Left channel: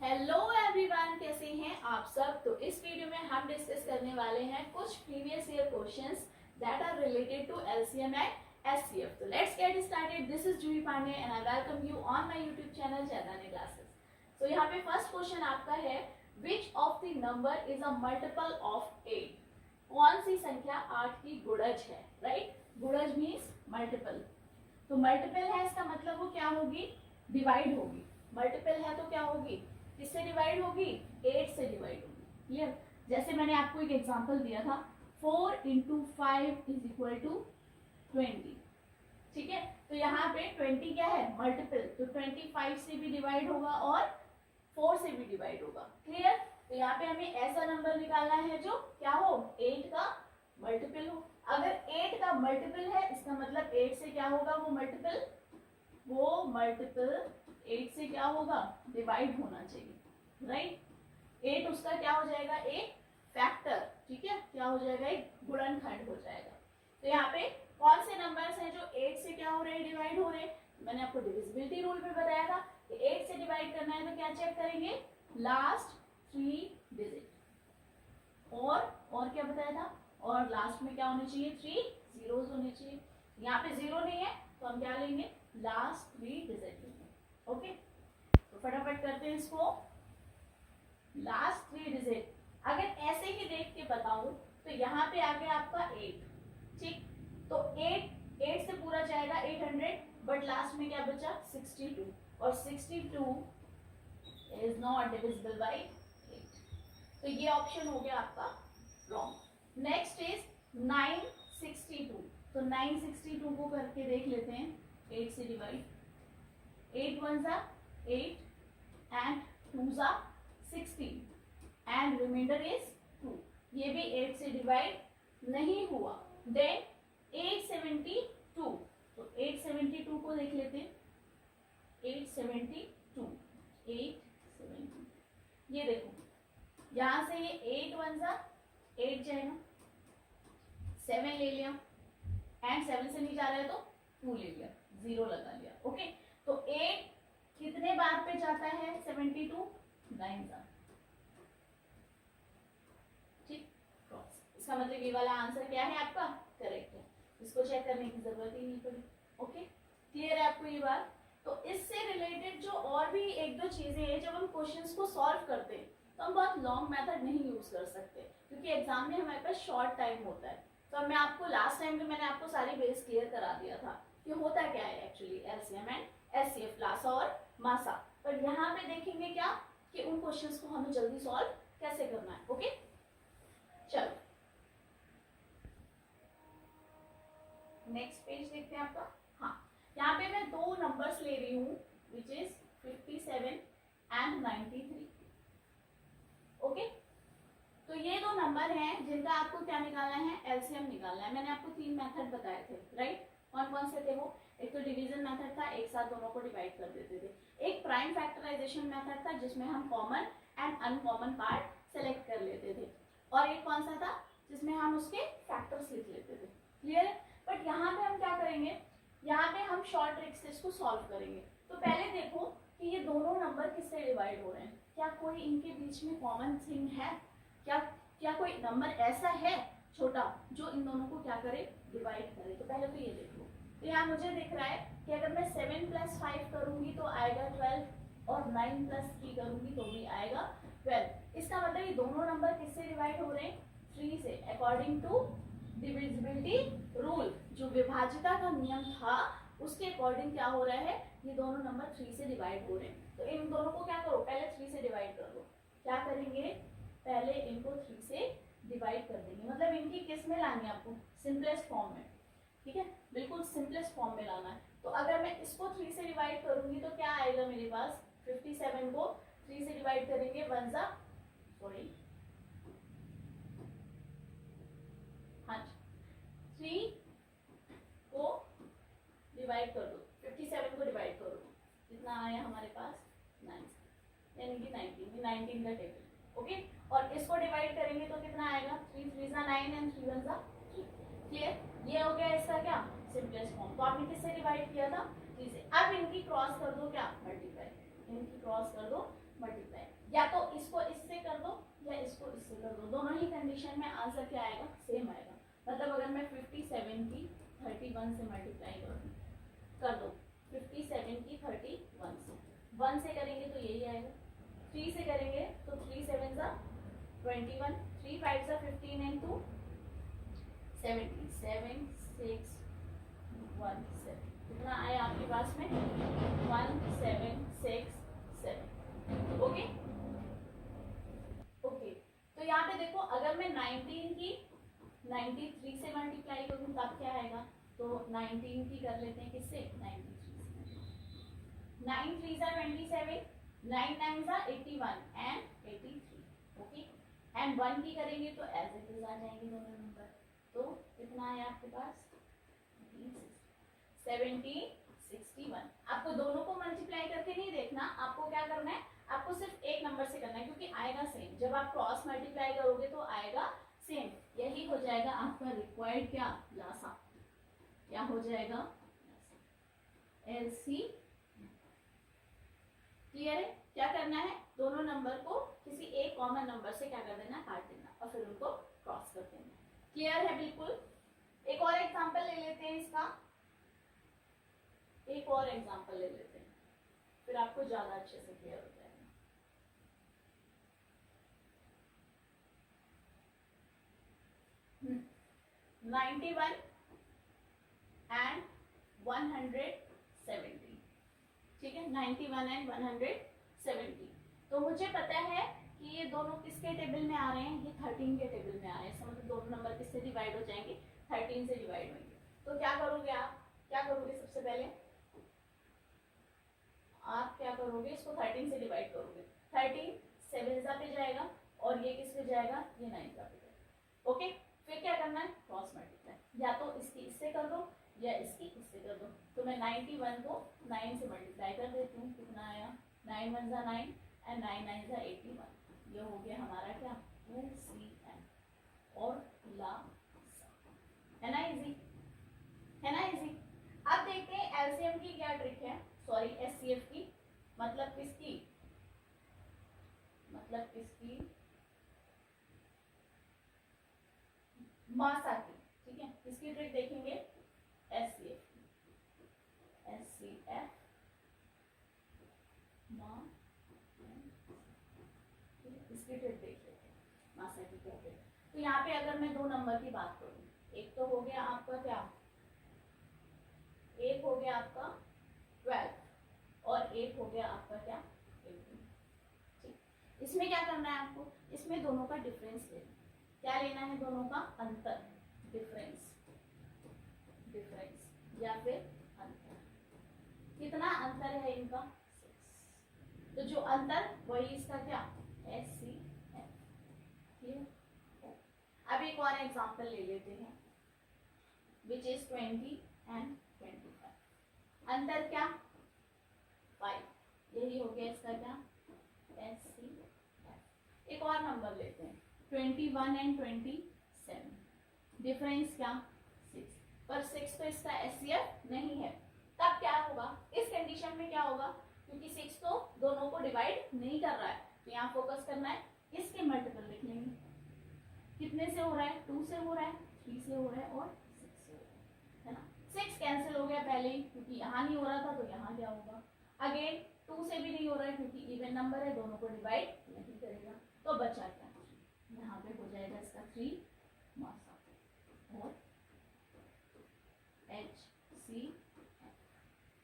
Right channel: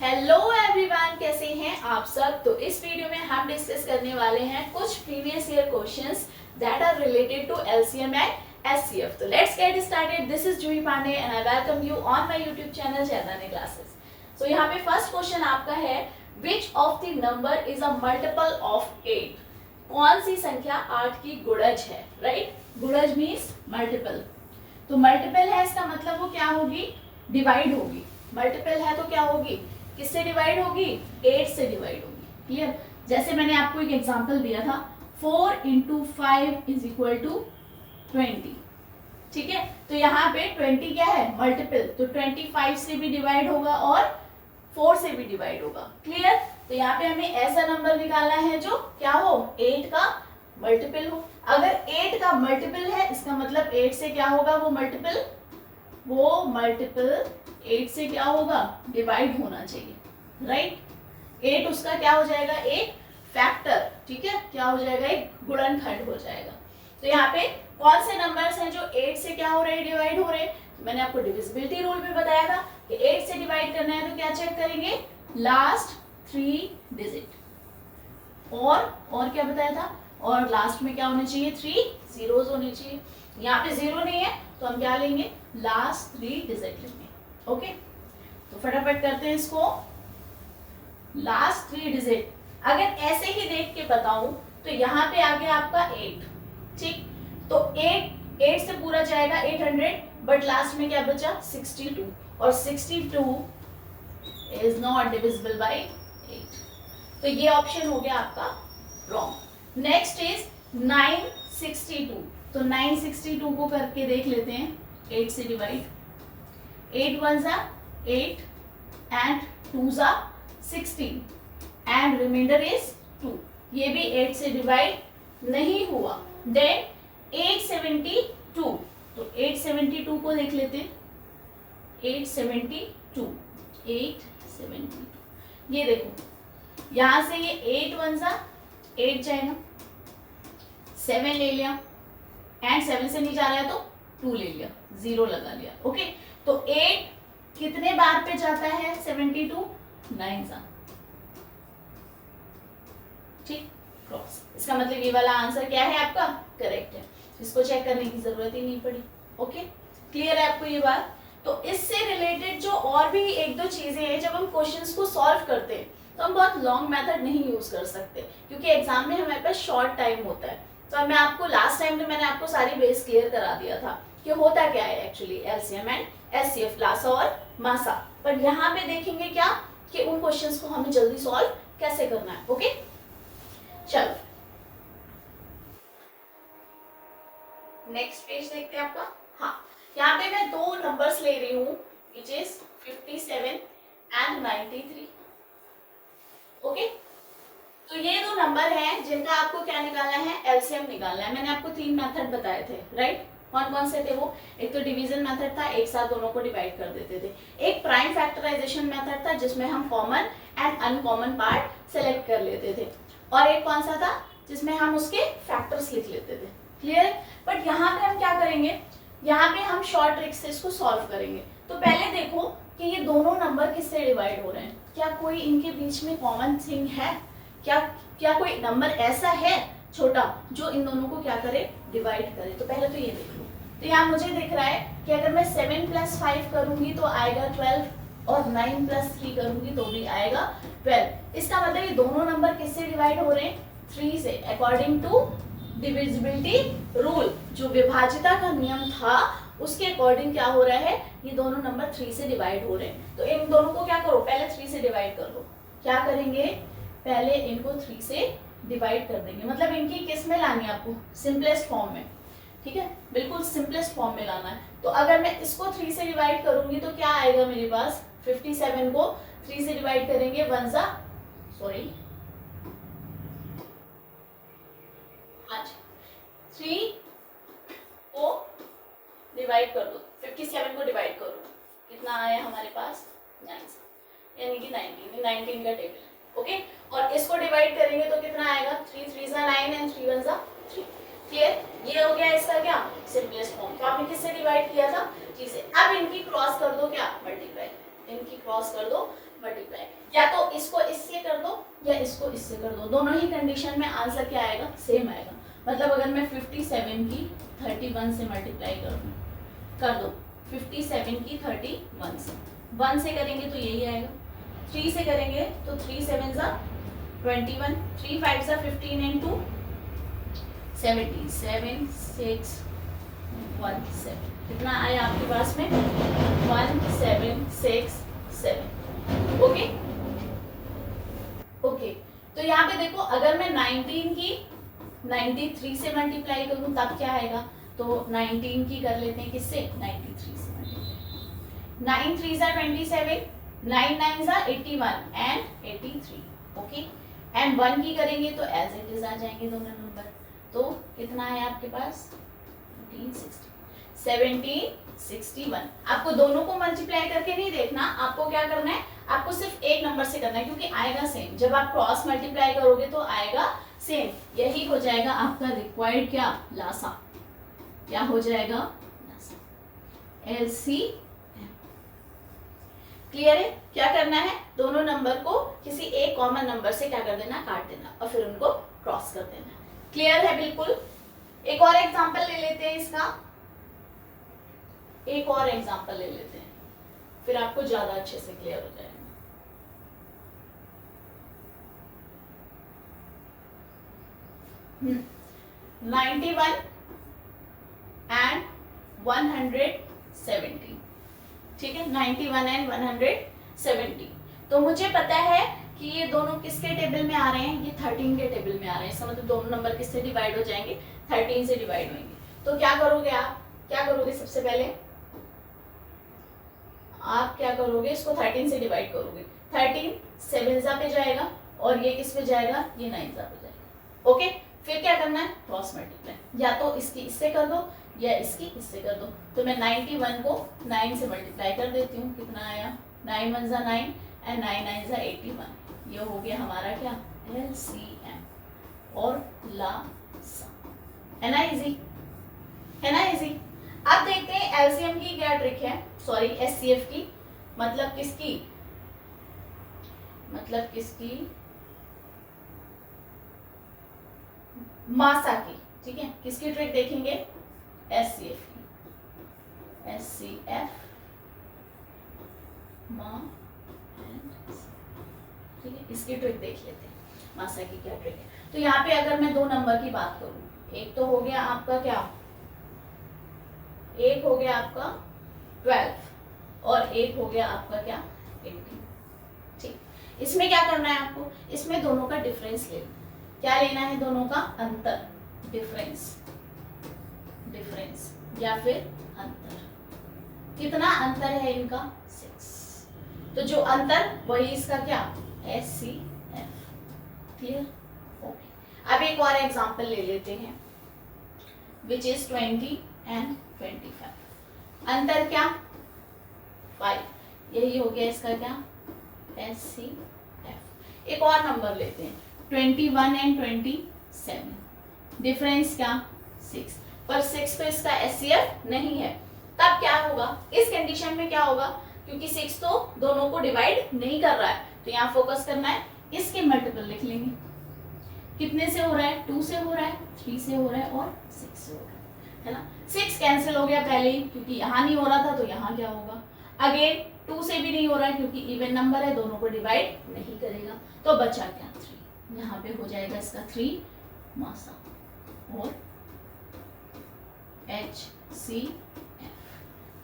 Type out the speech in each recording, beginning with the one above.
Hello everyone, कैसे हैं आप सब। तो इस वीडियो में हम डिस्कस करने वाले हैं कुछ previous year questions that are related to LCM and HCF. तो let's get started. This is Juhi Pandey and I welcome you on my YouTube channel Jaidani classes. So यहाँ पे फर्स्ट क्वेश्चन आपका है, which of the number is a multiple of 8। कौन सी संख्या 8 की गुणज है, राइट। गुणज मीन्स मल्टीपल। तो मल्टीपल है इसका मतलब वो क्या होगी, डिवाइड होगी। मल्टीपल है तो क्या होगी, किससे डिवाइड होगी, 8 से डिवाइड होगी। क्लियर। जैसे मैंने आपको एक एग्जांपल दिया था, 4 इंटू 5 इज इक्वल टू 20। ठीक है, तो यहाँ पे 20 क्या है, मल्टीपल, तो 25 से भी डिवाइड होगा और 4 से भी डिवाइड होगा। क्लियर। तो यहाँ पे हमें ऐसा नंबर निकालना है जो क्या हो, 8 का मल्टीपल हो। अगर 8 का मल्टीपल है इसका मतलब 8 से क्या होगा, वो मल्टीपल 8 से क्या होगा, डिवाइड होना चाहिए, राइट। 8 उसका क्या हो जाएगा, एक फैक्टर। ठीक है, क्या हो जाएगा, एक गुणनखंड हो जाएगा। तो यहाँ पे कौन से नंबर्स हैं जो 8 से क्या हो रहे हैं, डिवाइड हो रहे हैं। तो मैंने आपको डिविजिबिलिटी रूल में बताया था कि 8 से डिवाइड करना है तो क्या चेक करेंगे, लास्ट 3 डिजिट। और क्या बताया था, और लास्ट में क्या होने चाहिए, 3 जीरोस होने चाहिए। यहाँ पे 0 नहीं है तो हम क्या लेंगे, लास्ट 3 डिजिट लेंगे। ओके, तो फटाफट करते हैं इसको। लास्ट 3 डिजिट अगर ऐसे ही देख के बताऊं तो यहाँ पे आ गया आपका 8। ठीक, तो 8 से पूरा जाएगा 800, बट लास्ट में क्या बचा, 62, और 62 इज नॉट डिविजिबल बाय 8। तो ये ऑप्शन हो गया आपका रॉन्ग। Next is 962। तो 962 को करके देख लेते हैं 8 से डिवाइड। 8 1 जा 8 and 2 जा 16 and remainder is 2। ये भी 8 से डिवाइड नहीं हुआ। देन 872, तो 872 को देख लेते हैं। 872 ये देखो, यहां से ये 8 1 जा 8 जाएगा, 7 ले लिया एंड 7 से नहीं जा रहा है तो 2 ले लिया, 0 लगा लिया। ओके, तो 8 कितने बार पे जाता है, 72 9 जा। ठीक, क्रॉस। इसका मतलब ये वाला आंसर क्या है आपका, करेक्ट है। इसको चेक करने की जरूरत ही नहीं पड़ी। ओके, क्लियर है आपको ये बात। तो इससे रिलेटेड जो और भी एक दो चीजें हैं, जब हम क्वेश्चंस को सॉल्व करते हैं तो हम बहुत लॉन्ग मेथड नहीं यूज कर सकते, क्योंकि एग्जाम में हमारे पास शॉर्ट टाइम होता है। तो मैं आपको लास्ट टाइम में मैंने आपको सारी बेस क्लियर करा दिया था कि होता क्या है एक्चुअली एलसीएम एंड एचसीएफ, लासा और मासा। पर यहाँ पे देखेंगे क्या कि उन क्वेश्चंस को हमें जल्दी सॉल्व कैसे करना है। ओके, चलो नेक्स्ट पेज देखते हैं आपका। हाँ, यहाँ पे मैं दो नंबर्स ले रही हूँ, विच इज 57 एंड 93। ओके, तो ये दो नंबर हैं जिनका आपको क्या निकालना है, एलसीएम निकालना है। मैंने आपको 3 मेथड बताए थे, राइट। कौन कौन से थे वो, एक तो डिवीजन मेथड था, एक साथ दोनों को डिवाइड कर देते थे। एक प्राइम फैक्टराइजेशन मेथड था जिसमें हम common and uncommon part select कर लेते थे, और एक कौन सा था जिसमें हम उसके फैक्टर्स लिख लेते थे। क्लियर है। बट यहाँ पे हम क्या करेंगे, यहाँ पे हम शॉर्ट ट्रिक से इसको सॉल्व करेंगे। तो पहले देखो कि ये दोनों नंबर किससे डिवाइड हो रहे हैं, क्या कोई इनके बीच में कॉमन थिंग है, क्या कोई नंबर ऐसा है छोटा जो इन दोनों को क्या करे, डिवाइड करे। तो पहले तो ये देख लो। तो यहाँ मुझे दिख रहा है कि अगर मैं 7 + 5 करूंगी तो आएगा 12, और 9 + 3 करूंगी तो भी आएगा 12। इसका मतलब ये दोनों नंबर किससे डिवाइड हो रहे हैं, 3 से। अकॉर्डिंग टू डिविजिबिलिटी रूल, जो विभाज्यता का नियम था उसके अकॉर्डिंग क्या हो रहा है, ये दोनों नंबर 3 से डिवाइड हो रहे हैं। तो इन दोनों को क्या करो, पहले 3 से डिवाइड कर लो। क्या करेंगे, पहले इनको 3 से डिवाइड कर देंगे। मतलब इनकी किस में लानी है आपको, सिंपलेस्ट फॉर्म में। ठीक है, बिल्कुल सिंपलेस्ट फॉर्म में लाना है। तो अगर मैं इसको 3 से डिवाइड करूंगी तो क्या आएगा मेरे पास, 57 को 3 से डिवाइड करेंगे, 1 जा 3 को डिवाइड कर दो, 57 को डिवाइड करो, कितना आया हमारे पास, 9, यानी कि 19 का टेबल। ओके, और इसको डिवाइड करेंगे तो कितना आएगा, 3 3 जा 9 एंड 3 1 जा 3। क्लियर, ये हो गया इसका क्या, सिंपलेस्ट फॉर्म। तो आपने किससे डिवाइड किया था, 3 से। अब इनकी क्रॉस कर दो क्या, मल्टीप्लाई, इनकी क्रॉस कर दो मल्टीप्लाई। या इसको इससे कर दो, दोनों ही कंडीशन में आंसर क्या आएगा, सेम आएगा। मतलब अगर मैं 57 की 31 से मल्टीप्लाई कर दो, 57 की 31 से, 1 से करेंगे तो यही आएगा, 3 से करेंगे तो 3 7 ज़ा 21, 3 5 ज़ा 15 एंड 2 17, 7 6 1 7, कितना आया आपके पास में 1767। ओके ओके, तो यहाँ पे देखो अगर मैं 19 की 93 से मल्टीप्लाई करूँ तब क्या आएगा, तो 19 की कर लेते हैं किससे, 93 से मल्टीप्लाई, 9 3 ज़ा 27, 9 9 ज़ा 81 एंड 83। ओके, एंड 1 की करेंगे तो एज इट इज आ जाएंगे दोनों नंबर। तो कितना है आपके पास 1761। आपको दोनों को मल्टीप्लाई करके नहीं देखना, आपको क्या करना है, आपको सिर्फ एक नंबर से करना है क्योंकि आएगा सेम। जब आप क्रॉस मल्टीप्लाई करोगे तो आएगा सेम, यही हो जाएगा आपका रिक्वायर्ड क्या, लासा, क्या हो जाएगा लासा, LCM। क्लियर है? क्या करना है, दोनों नंबर को किसी एक कॉमन नंबर से क्या कर देना, काट देना और फिर उनको क्रॉस कर देना। क्लियर है? बिल्कुल। एक और एग्जांपल ले लेते हैं इसका, एक और एग्जांपल ले लेते हैं, फिर आपको ज्यादा अच्छे से क्लियर हो जाएगा। 91 एंड 170, ठीक है, 91 एंड 170। तो मुझे पता है कि ये दोनों किसके टेबल में आ रहे हैं, ये 13 के टेबल में आ रहे हैं। इसका मतलब दोनों नंबर किससे डिवाइड हो जाएंगे, 13 से डिवाइड होंगे। तो क्या करोगे आप, क्या करोगे, सबसे पहले आप क्या करोगे, इसको 13 से डिवाइड करोगे, 13 7 ज़ा पे जाएगा और ये किस पे जाएगा, ये 9 ज़ा पे जाएगा। ओके, फिर क्या करना है, क्रॉस मल्टीप्लाई, या तो इसकी इससे कर दो या इसकी इससे कर दो। तो मैं 91 को 9 से मल्टीप्लाई कर देती हूँ, कितना आया, 9 1 ज़ा 9 एंड 9 9 ज़ा 81। ये हो गया हमारा क्या, LCM और लासा। है ना इजी, है ना इजी। अब देखते हैं LCM की क्या ट्रिक है, सॉरी SCF की, मतलब किसकी, मतलब किसकी, मासा की, ठीक है। किसकी ट्रिक देखेंगे, SCF की, SCF ठीक है, इसकी ट्रिक देख लेते हैं, मासा की क्या ट्रिक है। तो यहाँ पे अगर मैं दो नंबर की बात करूं, एक तो हो गया आपका क्या, एक हो गया आपका 12 और एक हो गया आपका क्या 18, ठीक। इसमें क्या करना है आपको, इसमें दोनों का डिफरेंस लेना, क्या लेना है, दोनों का अंतर, डिफरेंस, डिफरेंस या फिर अंतर। कितना अंतर है इनका, 6। तो जो अंतर वही इसका क्या, SCF। Clear, okay. अब एक और एग्जांपल ले लेते हैं, विच इज 20 एंड 25। अंतर क्या, 5, यही हो गया इसका क्या, SCF। एक और नंबर लेते हैं, 21 एंड 27, डिफरेंस क्या, 6, पर 6 तो इसका SCF नहीं है। तब क्या होगा, इस कंडीशन में क्या होगा, क्योंकि 6 तो दोनों को डिवाइड नहीं कर रहा है, तो यहाँ फोकस करना है, इसके मल्टीपल लिख लेंगे। कितने से हो रहा है, 2 से हो रहा है, 3 से हो रहा है और 6 से हो रहा है ना। 6 कैंसिल हो गया पहले ही, क्योंकि यहाँ नहीं हो रहा था, तो यहाँ क्या होगा, अगेन 2 से भी नहीं हो रहा है क्योंकि इवन नंबर है, दोनों को डिवाइड नहीं करेगा, तो बचा क्या, 3। यहाँ पे हो जाएगा इसका 3 मासा और HCF।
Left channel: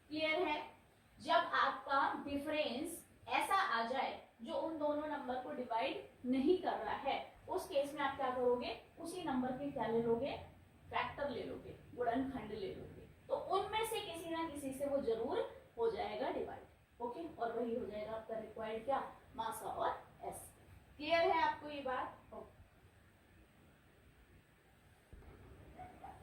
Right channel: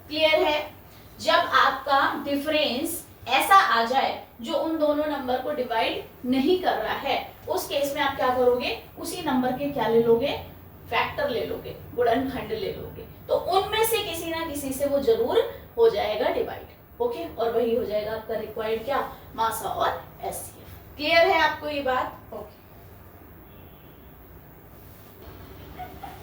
क्लियर है? जब आपका डिफरेंस ऐसा आ जाए जो उन दोनों नंबर को डिवाइड नहीं कर रहा है, उस केस में आप क्या करोगे, उसी नंबर के क्या ले लोगे, फैक्टर ले लोगे, गुणनखंड ले लोगे, तो उनमें से किसी ना किसी से वो जरूर हो जाएगा डिवाइड। ओके, और वही हो जाएगा आपका रिक्वायर्ड क्या, मासा और SCF। क्लियर है आपको ये बात? ओके।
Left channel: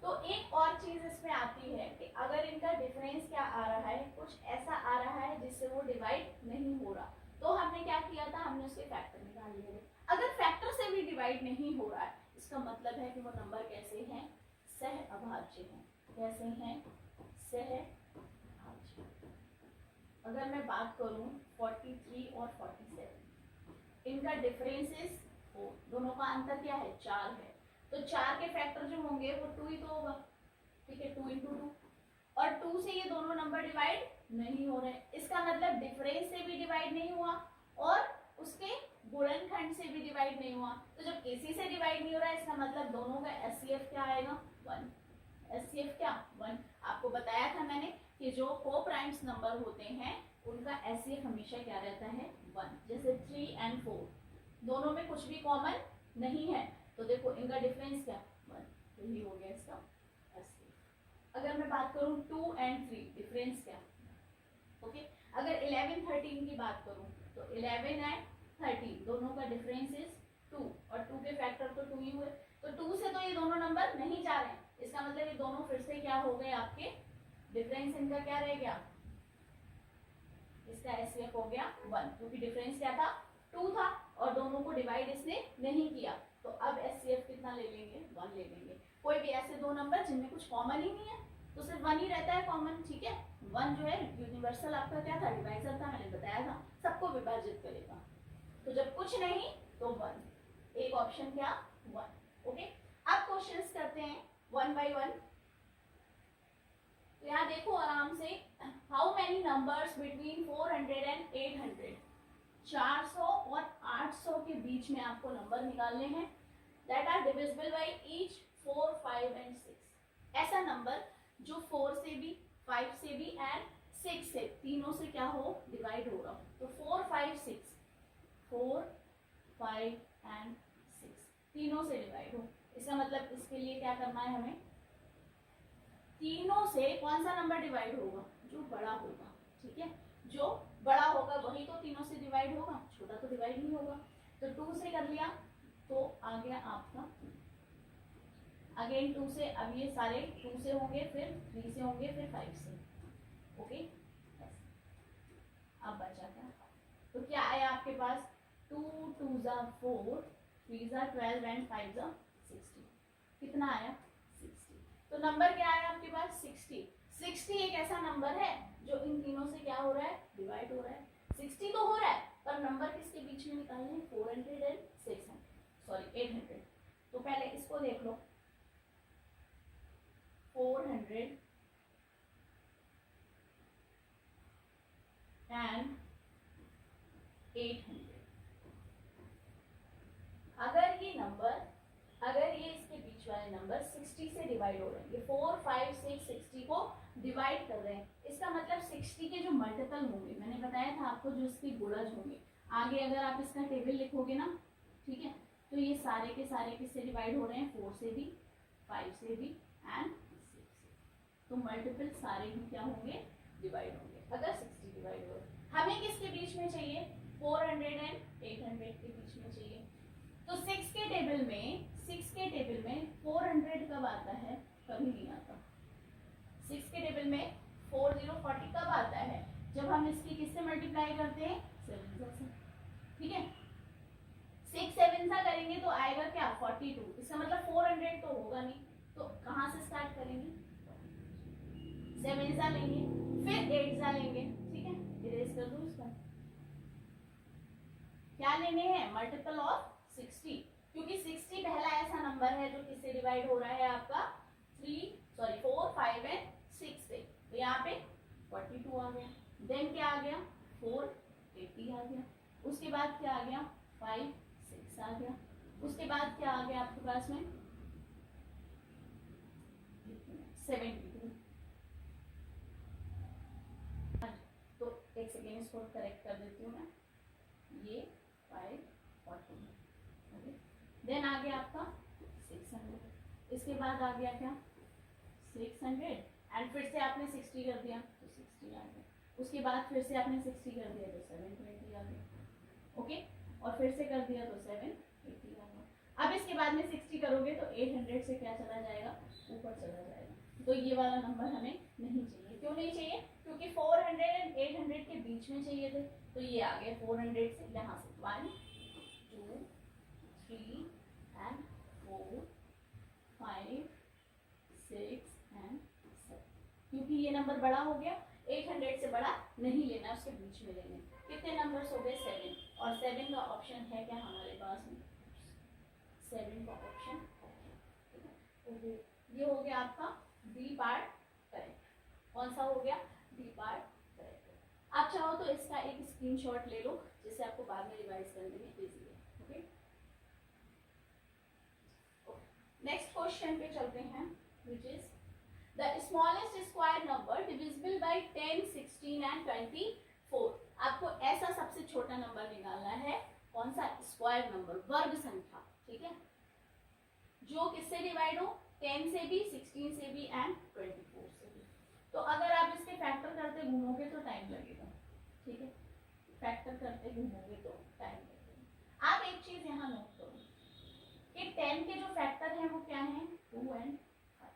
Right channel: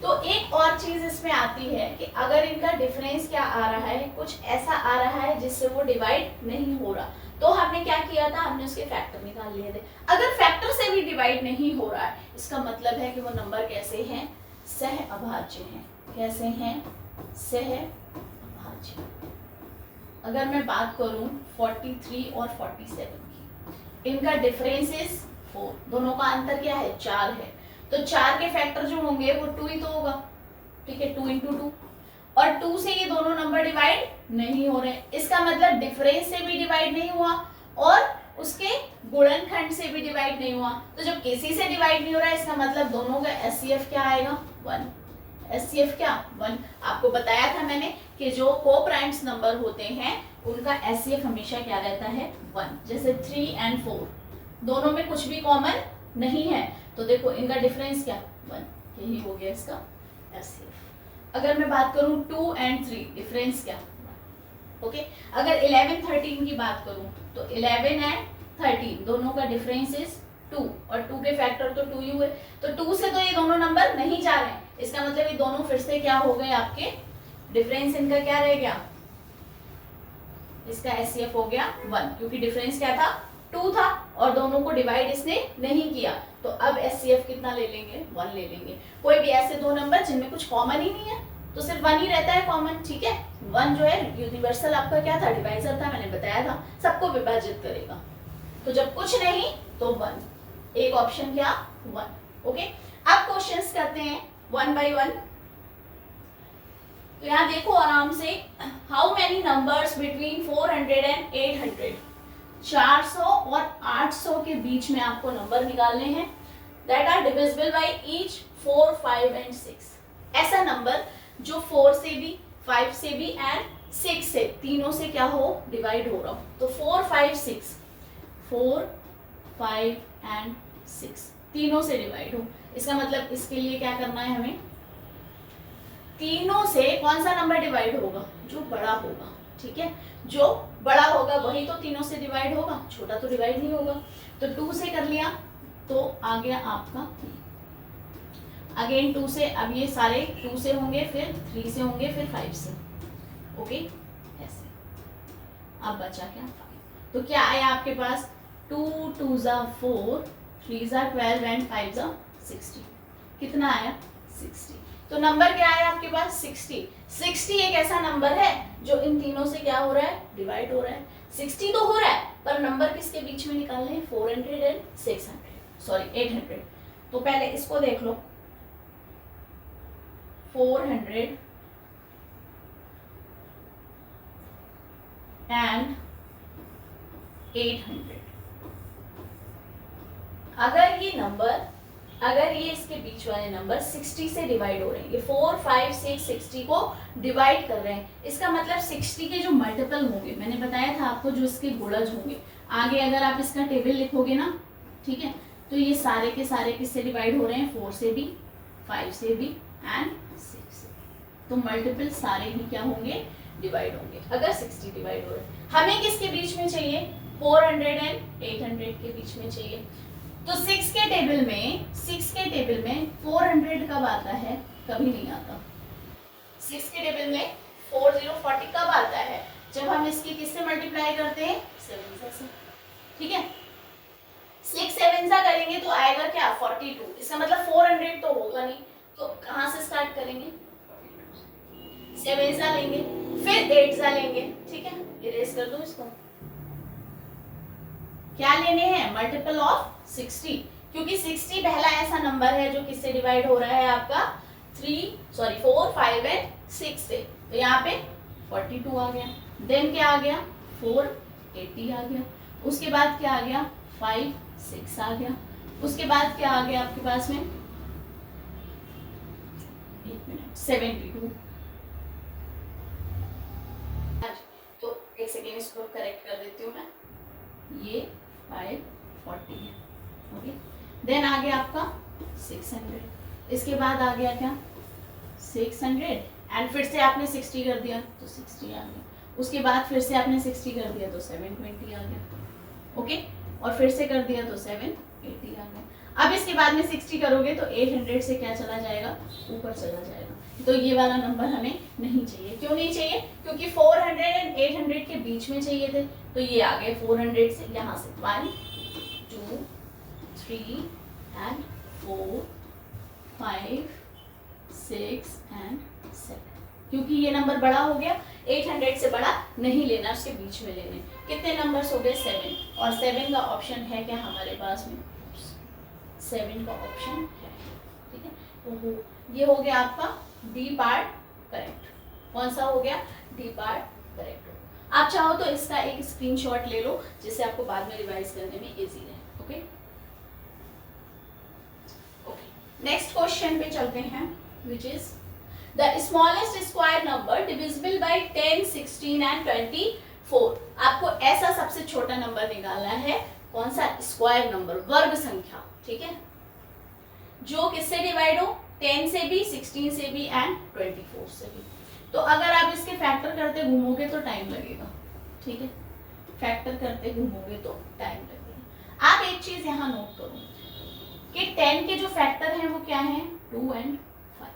तो एक और चीज इसमें आती है कि अगर इनका डिफरेंस क्या आ रहा है, कुछ ऐसा आ रहा है जिससे वो डिवाइड नहीं हो रहा, तो हमने क्या किया था, हमने उसके फैक्टर निकाल लिए थे। अगर फैक्टर से भी डिवाइड नहीं हो रहा है, इसका मतलब है कि वो नंबर कैसे हैं, सह अभाज्य हैं। कैसे हैं, सह अभाज्य। अगर मैं बात करूं 43 और 47 की, इनका डिफरेंस इज 4, दोनों का अंतर क्या है 4 है, तो 4 के फैक्टर जो होंगे वो 2 ही तो होगा, ठीक है 2 × 2, और 2 से ये दोनों नंबर डिवाइड नहीं हो रहे, इसका मतलब डिफरेंस से भी डिवाइड नहीं हुआ और उसके गुणनखंड से भी डिवाइड नहीं हुआ, तो जब किसी से डिवाइड नहीं हो रहा है इसका मतलब दोनों का एचसीएफ क्या आएगा 1, एचसीएफ क्या 1। आपको बताया था मैंने कि जो कोप्राइम्स नंबर होते हैं उनका एचसीएफ हमेशा क्या रहता है 1, जैसे 3 और 4 दोनों में कुछ भी कॉमन नहीं है, तो देखो इनका डिफरेंस क्या 1, यही हो गया इसका एचसीएफ। अगर मैं बात करूं 2 और 3 डिफरेंस क्या, ओके। अगर 11 13 की बात करूं तो 11 और 13 दोनों का डिफरेंस इज 2 और 2 के फैक्टर तो 2 ही हुए, तो 2 से तो ये दोनों नंबर नहीं जा रहे हैं, इसका मतलब ये दोनों फिर से क्या हो गए आपके, डिफरेंस इनका क्या रह गया, इसका एचसीएफ हो गया 1, क्योंकि डिफरेंस क्या था 2 था और दोनों को डिवाइड इसने नहीं किया, तो अब एचसीएफ कितना ले लेंगे 1 ले लेंगे। कोई भी ऐसे दो नंबर जिनमें कुछ कॉमन ही नहीं है तो सिर्फ 1 ही रहता है कॉमन, ठीक है। 1 जो है यूनिवर्सल आपका क्या था, डिवाइजर था, मैंने बताया था सबको विभाजित करेगा, तो जब कुछ नहीं तो 1, एक ऑप्शन क्या 1, ओके। अब क्वेश्चंस करते हैं 1 बाय 1। तो यहाँ देखो आराम से, how many numbers between 400 and 800, 400 और 800 के बीच में आपको नंबर निकालने हैं, that are divisible by each 4, 5 and 6। ऐसा नंबर जो 4 से भी, 5 से भी एंड 6 से, तीनों से क्या हो डिवाइड हो रहा हो, तो 4, 5, 6, 4, 5 एंड 6 तीनों से डिवाइड हो, इसका मतलब इसके लिए क्या करना है हमें, तीनों से कौन सा नंबर डिवाइड होगा, जो बड़ा होगा, ठीक है, जो बड़ा होगा वही तो तीनों से डिवाइड होगा, छोटा तो डिवाइड नहीं होगा। तो 2 से कर लिया तो आ गया आपका, अगेन 2 से, अब ये सारे 2 से होंगे, फिर 3 से होंगे, फिर 5 से, ओके ऐसे। अब बचा क्या 5, तो क्या आया आपके पास 2 2 ज़ा 4, 3 ज़ा 12 एंड 5 ज़ा 60, कितना आया 60। तो नंबर क्या है आपके पास 60। 60 एक ऐसा नंबर है जो इन तीनों से क्या हो रहा है डिवाइड हो रहा है, 60 तो हो रहा है पर नंबर किसके बीच में निकालने हैं 400 एंड 600, सॉरी 800। तो पहले इसको देख लो, 400 एंड 800, अगर ये नंबर, अगर ये इसके बीच वाले नंबर 60 से डिवाइड हो रहे हैं, ये 4, 5, 6 60 को डिवाइड कर रहे हैं, इसका मतलब 60 के जो मल्टीपल होंगे, मैंने बताया था आपको जो इसके गुणज होंगे, आगे अगर आप इसका टेबल लिखोगे ना, ठीक है, तो ये सारे के सारे किससे डिवाइड हो रहे हैं 4 से भी, 5 से भी एंड 6 से, तो मल्टीपल सारे ही क्या होंगे डिवाइड होंगे अगर 60 डिवाइड हो रहे हैं। हमें किसके बीच में चाहिए 400 एंड 800 के बीच में चाहिए, तो 6 के टेबल में 400 कब आता है, कभी नहीं आता। 6 के टेबल में 4040 कब आता है, जब हम इसकी किससे मल्टीप्लाई करते हैं 7 से, ठीक है। 6 7 सा करेंगे तो आएगा क्या 42, इसका मतलब 400 तो होगा नहीं, तो कहाँ से स्टार्ट करेंगे 7 सा लेंगे, फिर 8 सा लेंगे, ठीक है, इरेज कर दो इसको। क्या लेने हैं मल्टीपल ऑफ 60, क्योंकि 60 पहला ऐसा नंबर है जो किससे डिवाइड हो रहा है आपका 4, 5 एंड 6 से, तो यहाँ पे 42 आ गया, देन क्या आ गया 480 आ गया, उसके बाद क्या आ गया 5 6 आ गया, उसके बाद क्या आ गया आपके पास में 72। तो एक सेकेंड इसको करेक्ट कर देती हूँ मैं, ये 540 है, ओके। देन आ गया आपका 600, इसके बाद आ गया क्या 600 एंड फिर से आपने 60 कर दिया तो 60 आ गया, उसके बाद फिर से आपने 60 कर दिया तो 720 आ गया, ओके, और फिर से कर दिया तो 780 आ गया। अब इसके बाद में 60 करोगे तो 800 से क्या चला जाएगा ऊपर चला जाएगा, तो ये वाला नंबर हमें नहीं चाहिए। क्यों नहीं चाहिए, क्योंकि 400 एंड 800 के बीच में चाहिए थे, तो ये आ गए 400 से, यहाँ से 1 2 3 एंड 4 5 6 एंड 7, क्योंकि ये नंबर बड़ा हो गया, 800 से बड़ा नहीं लेना, उसके बीच में लेने। कितने नंबर्स हो गए 7, और 7 का ऑप्शन है क्या हमारे पास में 7 का ऑप्शन है, ठीक है। तो ये हो गया आपका डी पार्ट करेक्ट। कौन सा हो गया? D part correct. आप चाहो तो इसका एक स्क्रीनशॉट ले लो जिससे आपको बाद में रिवाइज करने में इजी रहे। ओके ओके, नेक्स्ट क्वेश्चन पे चलते हैं, which is the smallest square number divisible by 10, 16 and 24। आपको ऐसा सबसे छोटा नंबर निकालना है, कौन सा? स्क्वायर नंबर, वर्ग संख्या, ठीक है, जो किससे डिवाइड हो? 10 से भी, 16 से भी एंड 24 से भी। तो अगर आप इसके फैक्टर करते घूमोगे तो टाइम लगेगा, ठीक है, फैक्टर करते घूमोगे तो टाइम लगेगा। आप एक चीज यहाँ नोट करो कि 10 के जो फैक्टर हैं वो क्या हैं? 2 एंड 5।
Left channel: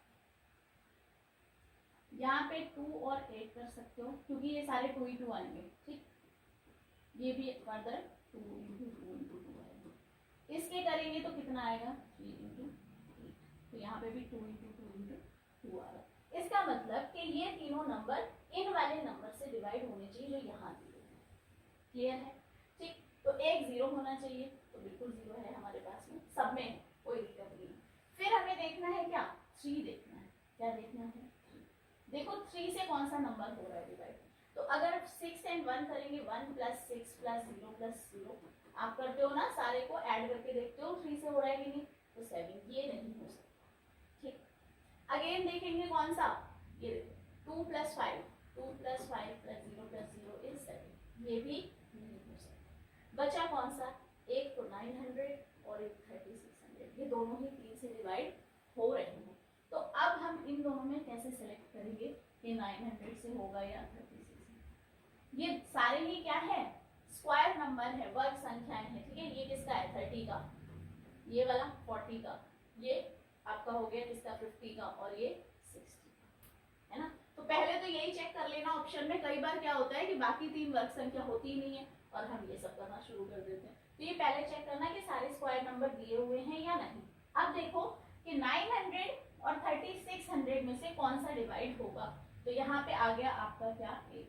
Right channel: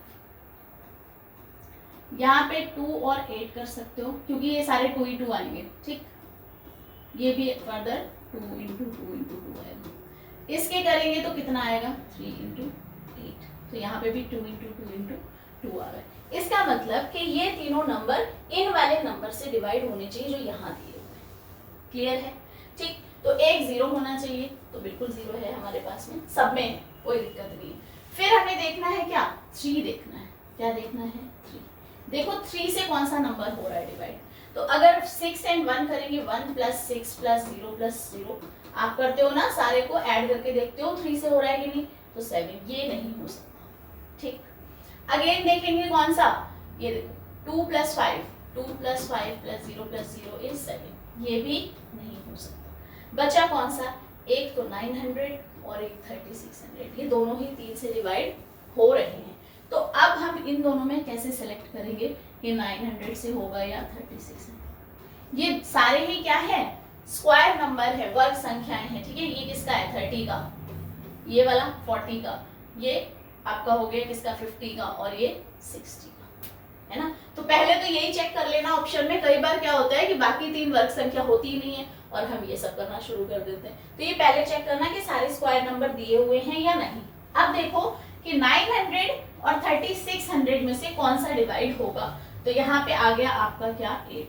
यहाँ पे 2 और 8 कर सकते हो क्योंकि ये सारे 2 ही 2 आएंगे, ठीक। ये भी फर्दर 2 इंटू 2 इंटू 2 आएगा। इसके करेंगे तो कितना आएगा? 3 इंटू 8। तो यहाँ पे भी 2 इंटू 2 इंटू 2 आ गए। इसका मतलब कि ये तीनों नंबर इन वाले नंबर से डिवाइड होने चाहिए जो यहाँ दिए हुए हैं। क्लियर है? ठीक। तो एक 0 होना चाहिए, तो बिल्कुल 0 है हमारे पास में, सब में है, कोई दिक्कत नहीं है। फिर हमें देखना है क्या? 3 देखना है। क्या देखना है? 3। देखो 3 से कौन सा नंबर हो रहा है डिवाइड। तो अगर 6 एंड 1 करेंगे, 1 प्लस 6 प्लस 0 प्लस 0, आप करते हो ना, सारे को ऐड करके देखते हो 3 से हो रहा है कि नहीं, तो 7। ये नहीं हो सकता, ठीक। अगेन देखेंगे कौन सा, ये देखो 2 plus 5, 2 plus 5 plus 0 plus 0 is 7। ये भी नहीं हो सकता। बचा कौन सा? एक तो 900 और एक 3600। ये दोनों ही 3 से डिवाइड हो रहे हैं। तो अब हम इन दोनों में कैसे सेलेक्ट करेंगे कि 900 से होगा या 3600? ये सारे ही क्या है? स्क्वायर नंबर है, वर्ग संख्याएं हैं, ठीक है। ये किसका है? 30 का, ये वाला 40 का, ये आपका हो गया किसका? 50 का, और ये 60 का, है ना। तो पहले तो यही चेक कर लेना ऑप्शन में। कई बार क्या होता है कि बाकी 3 वर्ग संख्या होती ही नहीं है और हम ये सब करना शुरू कर देते हैं। तो ये पहले चेक करना कि सारे स्क्वायर नंबर दिए हुए हैं या नहीं। अब देखो कि 900 और 3600 में से कौन सा डिवाइड होगा। तो यहाँ पे आ गया आपका क्या? 8।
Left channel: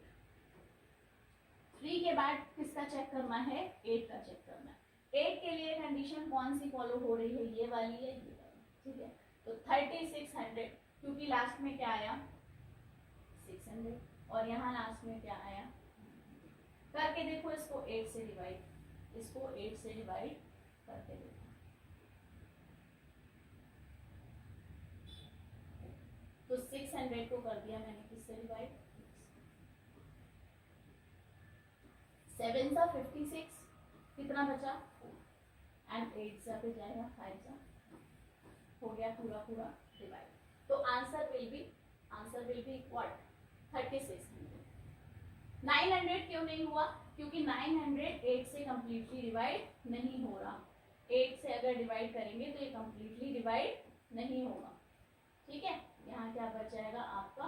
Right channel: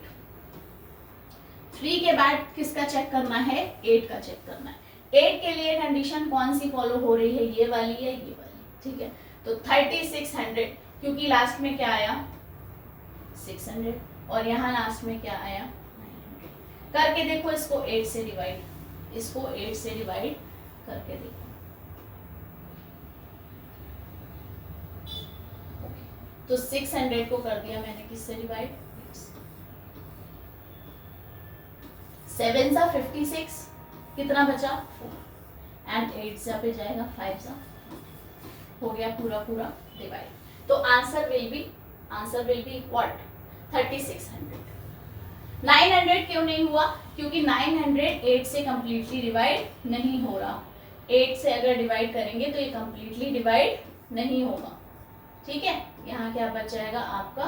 3 के बाद किसका चेक करना है? 8 का चेक करना है। 8 के लिए कंडीशन कौन सी फॉलो हो रही है? ये वाली है, ये वाली, ठीक है। तो 3600, क्योंकि लास्ट में क्या आया? 600, और यहाँ लास्ट में क्या आया? 900। करके देखो इसको 8 से डिवाइड, इसको 8 से डिवाइड करके देखो। तो 600 को कर दिया मैंने किससे डिवाइड? 7 सा 56, कितना बचा? 4, एंड 8 सा पे जाएगा 5 सा, हो गया पूरा पूरा डिवाइड। तो आंसर विल बी व्हाट? 3600। 900 क्यों नहीं हुआ? क्योंकि 900 8 से कंप्लीटली डिवाइड नहीं हो रहा। 8 से अगर डिवाइड करेंगे तो ये कंप्लीटली डिवाइड नहीं होगा, ठीक है। यहाँ क्या बच जाएगा आपका?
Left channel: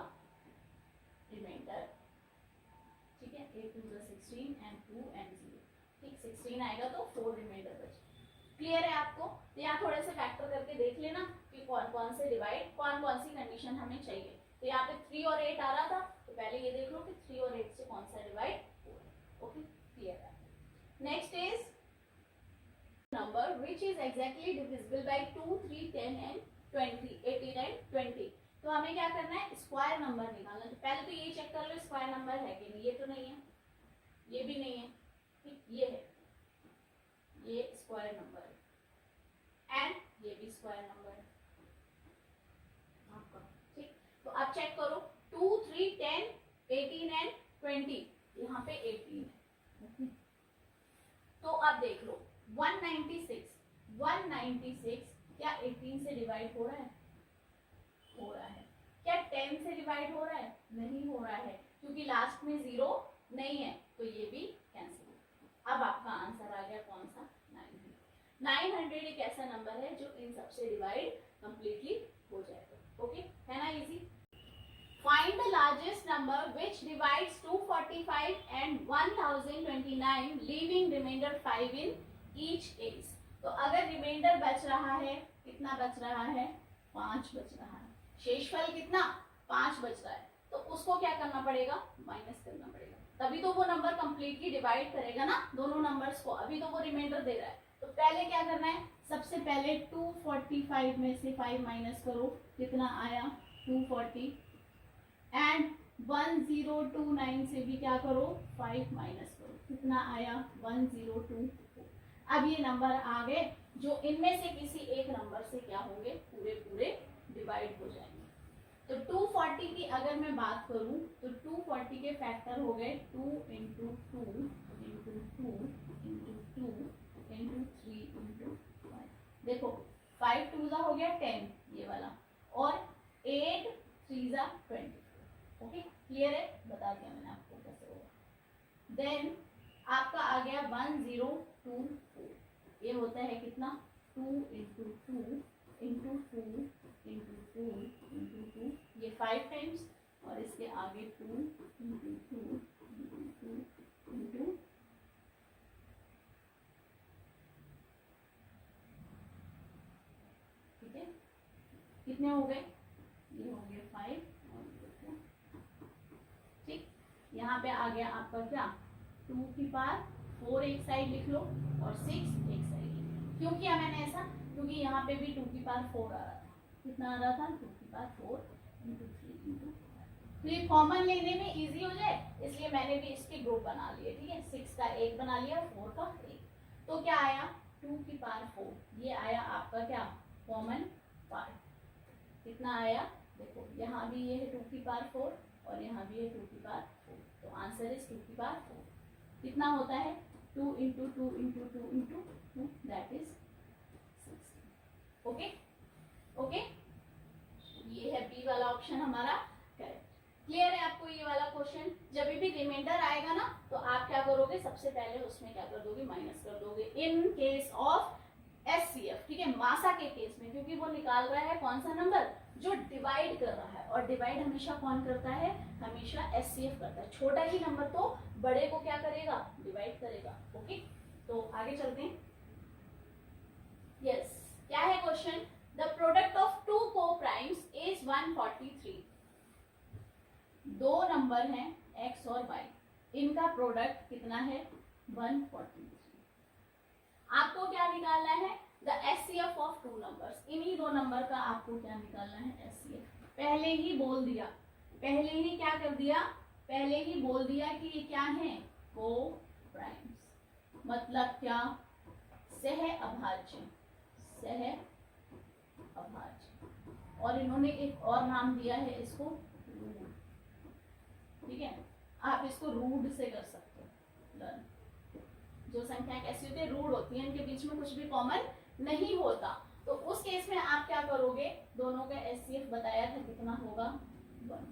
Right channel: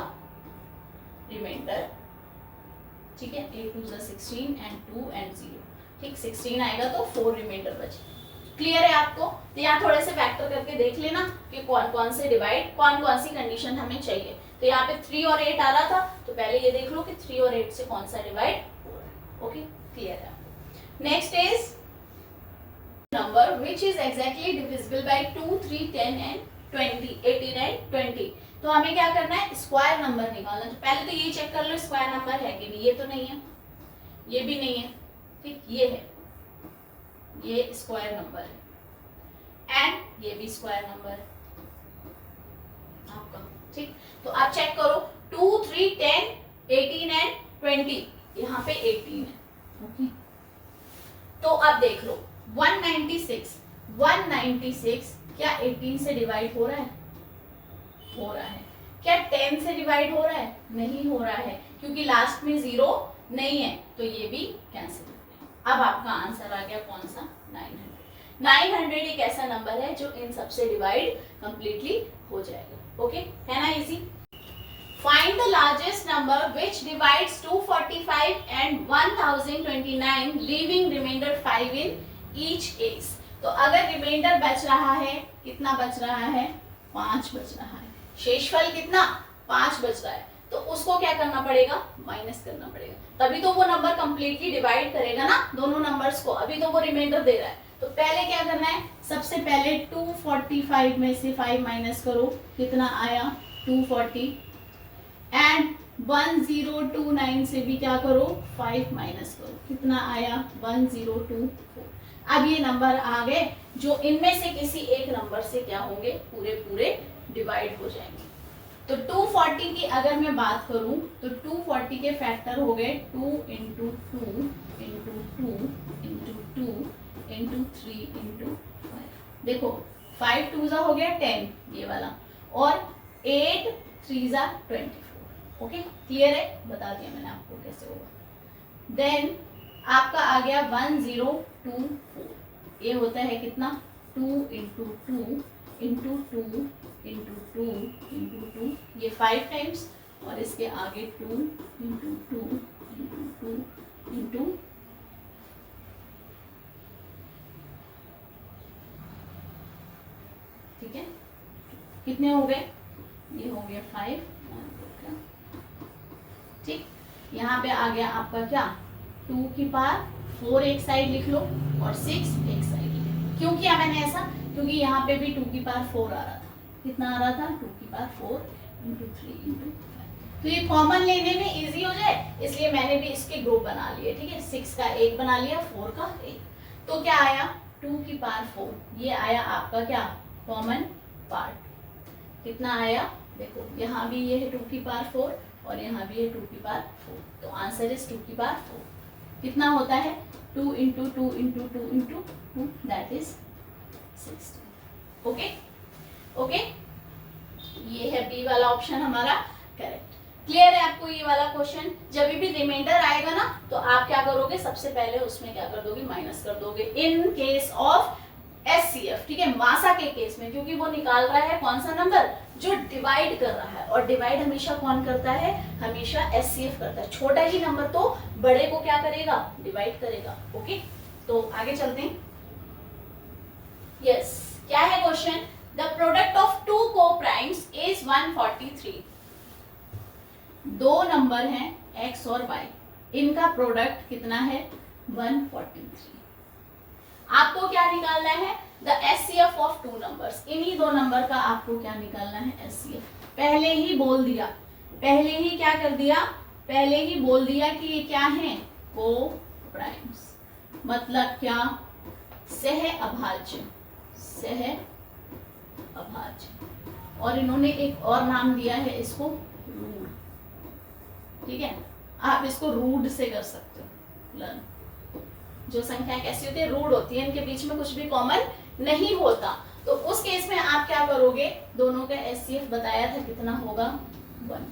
रिमाइंडर, ठीक है। 8 2 16 एंड 2 एंड 0, ठीक। 16 आएगा तो 4 रिमाइंडर बचे। क्लियर है आपको? तो यहाँ थोड़े से फैक्टर करके देख लेना कि कौन कौन से डिवाइड, कौन कौन सी कंडीशन हमें चाहिए। तो यहाँ पे 3 और 8 आ रहा था, तो पहले ये देख लो कि 3 और 8 से कौन सा डिवाइड हो रहा है। ओके, क्लियर है आपको? Next is number which is exactly divisible by 2, 3, 10 and 20, 18 and 20। तो हमें क्या करना है? स्क्वायर नंबर निकालना। तो पहले तो ये चेक कर लो स्क्वायर नंबर है कि नहीं। ये तो नहीं है, ये भी नहीं है, ठीक। ये है, ये स्क्वायर नंबर है, एंड ये भी स्क्वायर नंबर है आपका, ठीक। तो आप चेक करो 2, 3, 10, 18 एंड 20। यहाँ पे 18 है, ओके। तो अब देख लो 196 क्या 18 से डिवाइड हो रहा है? हो रहा है। क्या 10 से डिवाइड हो रहा है? नहीं हो रहा है, क्योंकि लास्ट में 0 नहीं है, तो ये भी कैंसिल हो गया। अब आपका आंसर आ गया कौन सा? 900। 900 एक ऐसा नंबर है जो इन सबसे डिवाइड कंप्लीटली हो जाएगा। ओके, है ना easy? Find the largest number which divides 245 and 1029 leaving remainder 5 in each case. तो अगर रिमाइंडर बच रहा है, कितना बच रहा है? 5 बच रहा है। शेषफल कितना? 5 बच रहा है। तो उसको क्या करना पड़ेगा? माइनस करना पड़ेगा, तभी तो वो नंबर कंप्लीटली डिवाइड करेगा ना दोनों नंबर्स को। अभी तो वो रिमाइंडर दे रहा है, तो पहले क्या करना है, सबसे पहले 245 में से 5 माइनस करो, कितना आया 240, एंड 1029 से भी क्या करो 5 माइनस करो, कितना आया 1024। अब ये नंबर आ गए जो इनमें से किसी एक नंबर से क्या होंगे, पूरे पूरे डिवाइड हो जाएंगे। तो 240 की अगर मैं बात करूं तो 240 के फैक्टर हो गए 2 into 2 into 2 into 2 into 3 into 5। देखो 5 2 हो गया 10 ये वाला, और 8 3 24। ओके, क्लियर है, बता दिया मैंने आपको कैसे होगा। देन आपका आ गया 1024, ये होता है कितना 2 इंटू 2 इंटू 2 इंटू 2 इंटू 2, ये 5 टाइम्स, और इसके आगे 2 इंटू 2 इंटू 2 इंटू, ठीक है, कितने हो गए, ये हो गया 5, ठीक। यहाँ पे आ गया आपका क्या 2 की पावर 4 एक साइड लिख लो और 6 एक साइड लिख लो। क्यों किया मैंने ऐसा, क्योंकि यहाँ पे भी 2 की पावर 4 आ रहा था, कितना आ रहा था 2 की पावर 4 इंटू 3 इंटू 5। तो ये कॉमन लेने में इजी हो जाए इसलिए मैंने भी इसके ग्रुप बना लिए, ठीक है, 6 का एक बना लिया, 4 का एक। तो क्या आया 2 की पावर 4, ये आया आपका क्या कॉमन पार्ट, कितना आया, देखो यहाँ भी ये है 2 की पावर 4 और यहाँ भी है 2 की पावर 4, तो आंसर इज 2 की पावर 4। कितना होता है 2 into 2 into 2 into 2, that is 16। Okay okay, ये है बी वाला ऑप्शन हमारा करेक्ट। क्लियर है आपको ये वाला क्वेश्चन। जब भी रिमाइंडर आएगा ना तो आप क्या करोगे, सबसे पहले उसमें क्या कर दोगे, माइनस कर दोगे, इन केस ऑफ एचसीएफ, ठीक है, मासा के केस में, क्योंकि वो निकाल रहा है कौन सा नंबर, जो डिवाइड कर रहा है, और डिवाइड हमेशा कौन करता है, हमेशा एचसीएफ करता है। छोटा ही नंबर तो बड़े को क्या करेगा, डिवाइड करेगा। ओके, तो आगे चलते हैं। यस, क्या है question, the product of two coprimes is 143। दो नंबर हैं x और y, इनका प्रोडक्ट कितना है 143। आपको क्या निकालना है, the HCF of two numbers, इन्हीं दो नंबर का आपको क्या निकालना है, एचसीएफ। पहले ही बोल दिया, पहले ही क्या कर दिया, पहले ही बोल दिया कि ये क्या है, को प्राइम्स, मतलब क्या, सह अभाज्य, सह अभाज्य, और इन्होंने एक और नाम दिया है इसको रूड, ठीक है, आप इसको रूड से कर सकते हो लर्न। जो संख्या कैसी होती है, रूड होती है, इनके बीच में कुछ भी कॉमन नहीं होता, तो उस केस में आप क्या करोगे, दोनों का एचसीएफ बताया था कितना होगा 1।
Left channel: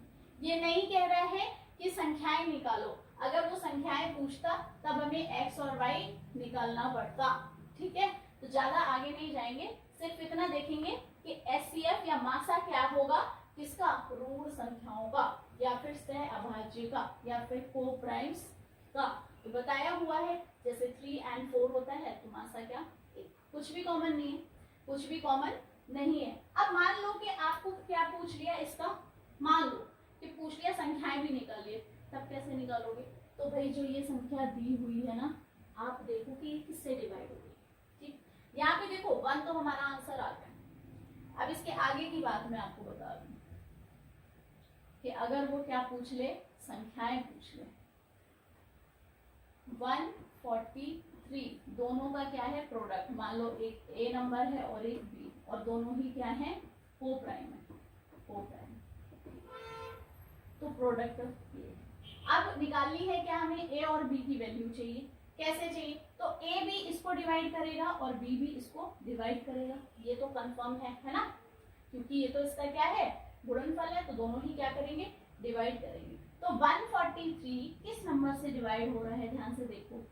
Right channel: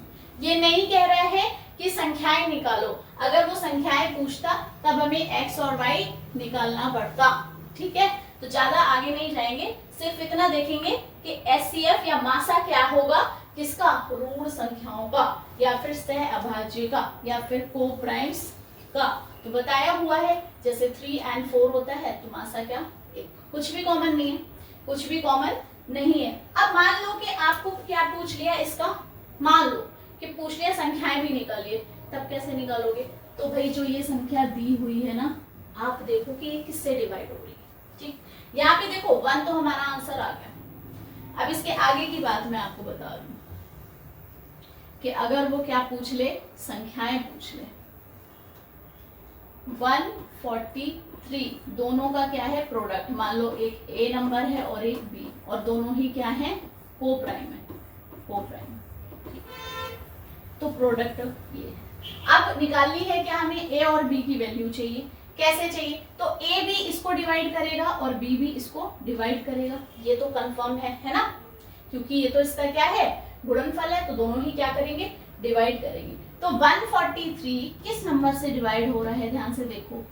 ये नहीं कह रहा है कि संख्याएं निकालो, अगर वो संख्याएं पूछता तब हमें x और y निकालना पड़ता, ठीक है, तो ज्यादा आगे नहीं जाएंगे, सिर्फ इतना देखेंगे कि एचसीएफ या मासा क्या होगा, किसका, रूड संख्याओं का, या फिर सह अभाज्य का, या फिर को प्राइम्स का। तो बताया हुआ है, जैसे 3 and 4 होता है, तो मासा क्या, एक, कुछ भी कॉमन नहीं है, कुछ भी कॉमन नहीं है। अब मान लो कि आपको क्या पूछ लिया इसका, मान लो कि पूछ लिया संख्याएं भी निकालिए, तब कैसे निकालोगे, तो भाई जो ये संख्या दी हुई है ना, आप देखो कि ये किससे डिवाइड हो रही है, ठीक, यहाँ पे देखो 1 तो हमारा आंसर आ गया। अब इसके आगे की बात मैं आपको बता दूं कि अगर वो क्या पूछ ले, संख्याएं पूछ ले, 143 दोनों का क्या है, प्रोडक्ट, मान लो एक ए नंबर है और एक बी, और दोनों ही क्या है, को प्राइम है, को प्राइम, तो प्रोडक्ट ये है। अब निकालनी है क्या, हमें ए और बी की वैल्यू चाहिए, कैसे चाहिए, तो ए भी इसको डिवाइड करेगा और बी भी इसको डिवाइड करेगा, ये तो कंफर्म है ना, क्योंकि ये तो इसका क्या है, गुणनफल है, तो दोनों ही क्या करेंगे, डिवाइड करेंगे। तो 143 किस नंबर से डिवाइड हो रहा है, ध्यान से देखो,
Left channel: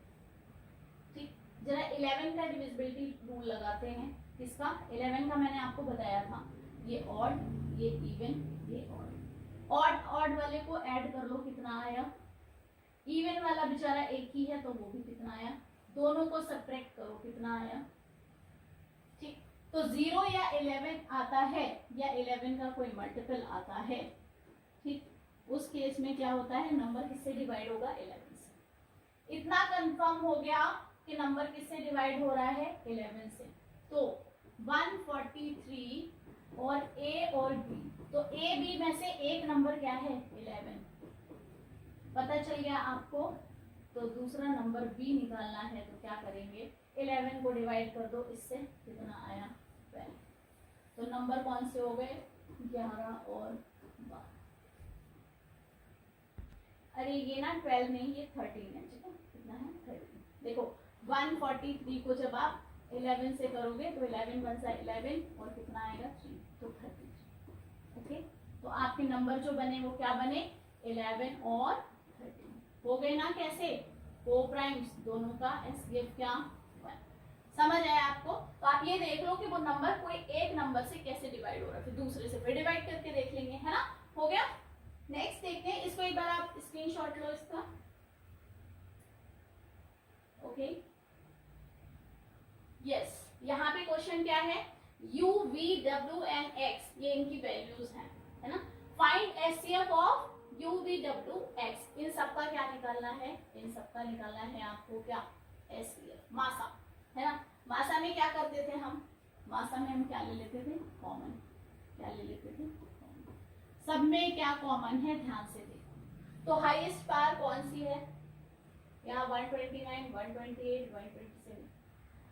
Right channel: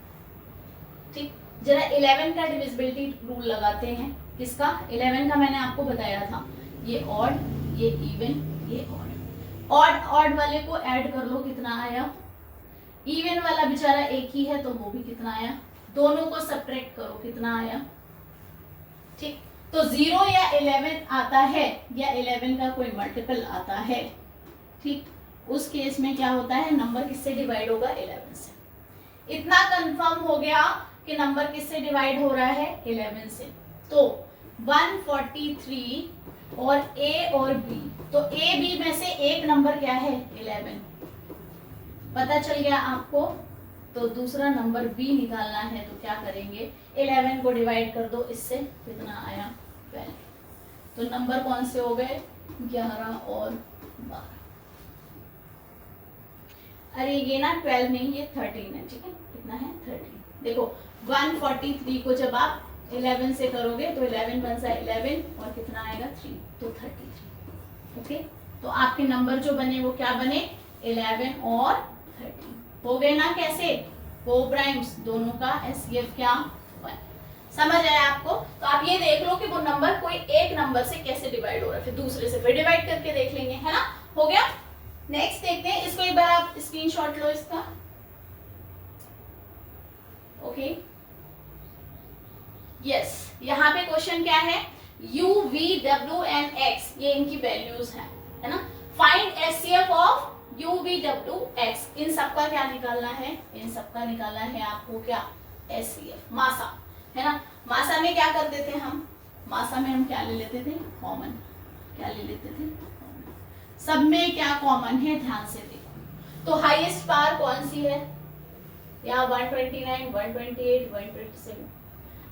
ठीक, जरा 11 का डिविजिबिलिटी रूल लगाते हैं, किसका, 11 का मैंने आपको बताया था, ये ऑड, ये इवन, ये ऑड, ऑड वाले को ऐड कर लो, कितना आया, इवन वाला बेचारा एक ही है तो वो भी कितना आया, दोनों को सब्ट्रैक्ट करो, कितना आया, ठीक, तो 0 या 11 आता है, या 11 का कोई मल्टीपल आता है, ठीक, उस केस में क्या होता है, नंबर किससे डिवाइड होगा, 11 से। इतना कंफर्म हो गया कि नंबर किससे डिवाइड हो रहा है, 11 से। तो 143 और ए और बी, तो ए बी में से एक नंबर क्या है, 11 पता चल गया आपको। तो दूसरा नंबर बी निकालना है, तो क्या करेंगे, 11 को डिवाइड कर दो इससे, कितना आया, 12। तो नंबर कौन से हो गए, 11 और 12। अरे ये ना 12 नहीं, ये 13 है, ठीक है, कितना है, 13। देखो 143 को जब आप 11 से करोगे तो 11 बन जाए 11 और कितना आएगा, 3, तो 33। ओके, तो आपके नंबर जो बने वो क्या बने, 11 और 13 हो गए ना। कैसे, को प्राइम्स दोनों का एससीएफ क्या, 1। समझ आया आपको। तो आप ये देख लो कि वो नंबर कोई एक नंबर से कैसे डिवाइड हो रहा है, फिर दूसरे से फिर डिवाइड करके देख लेंगे, है ना। हो गया। नेक्स्ट देखते हैं, इसको एक बार आप स्क्रीनशॉट लो इसका। ओके, यस, यहाँ पे क्वेश्चन क्या है, u v w and x, ये इनकी वैल्यूज है ना। Find HCF of u v w x, इन सबका क्या निकालना है, इन सबका निकालना है आपको क्या, एचसीएफ, मासा, है ना। मासा में क्या करते थे हम, मासा में हम क्या ले लेते थे, कॉमन, क्या ले लेते थे, सब में क्या कॉमन है, ध्यान से देखो। तो हाईएस्ट पावर कौन सी है, यहाँ 129, 128, 127।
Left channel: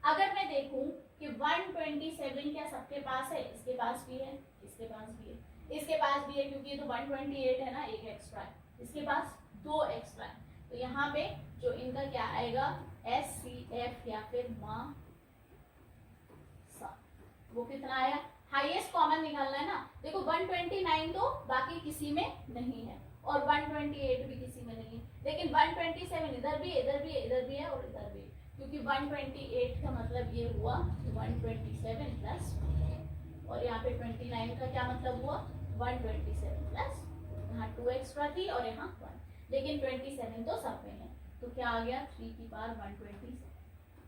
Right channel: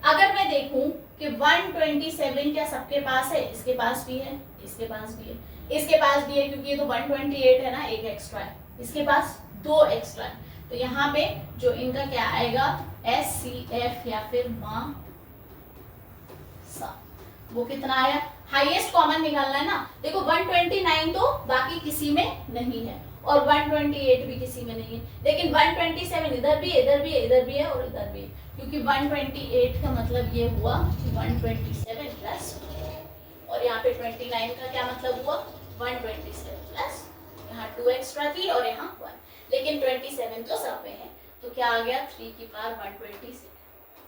अगर मैं देखूं कि 127 क्या सबके पास है, इसके पास भी है, इसके पास भी है, इसके पास भी है, क्योंकि ये तो 128 है ना, एक एक्स्ट्रा है, इसके पास 2 एक्स्ट्रा है। तो यहाँ पे जो इनका क्या आएगा, एचसीएफ या फिर मासा, वो कितना आया, हाईएस्ट कॉमन निकालना है ना। देखो 129 तो बाकी किसी में नहीं है और 128 भी किसी में नहीं है, लेकिन 127 इधर भी है, इधर भी है, इधर भी है और इधर भी है, क्योंकि 128 का मतलब ये हुआ 127 प्लस, और यहाँ पे 29 का क्या मतलब हुआ, 127 प्लस, यहाँ 2 एक्स्ट्रा थी और यहाँ 1, लेकिन 27 तो सब में है, तो क्या आ गया, 3 की पावर 126।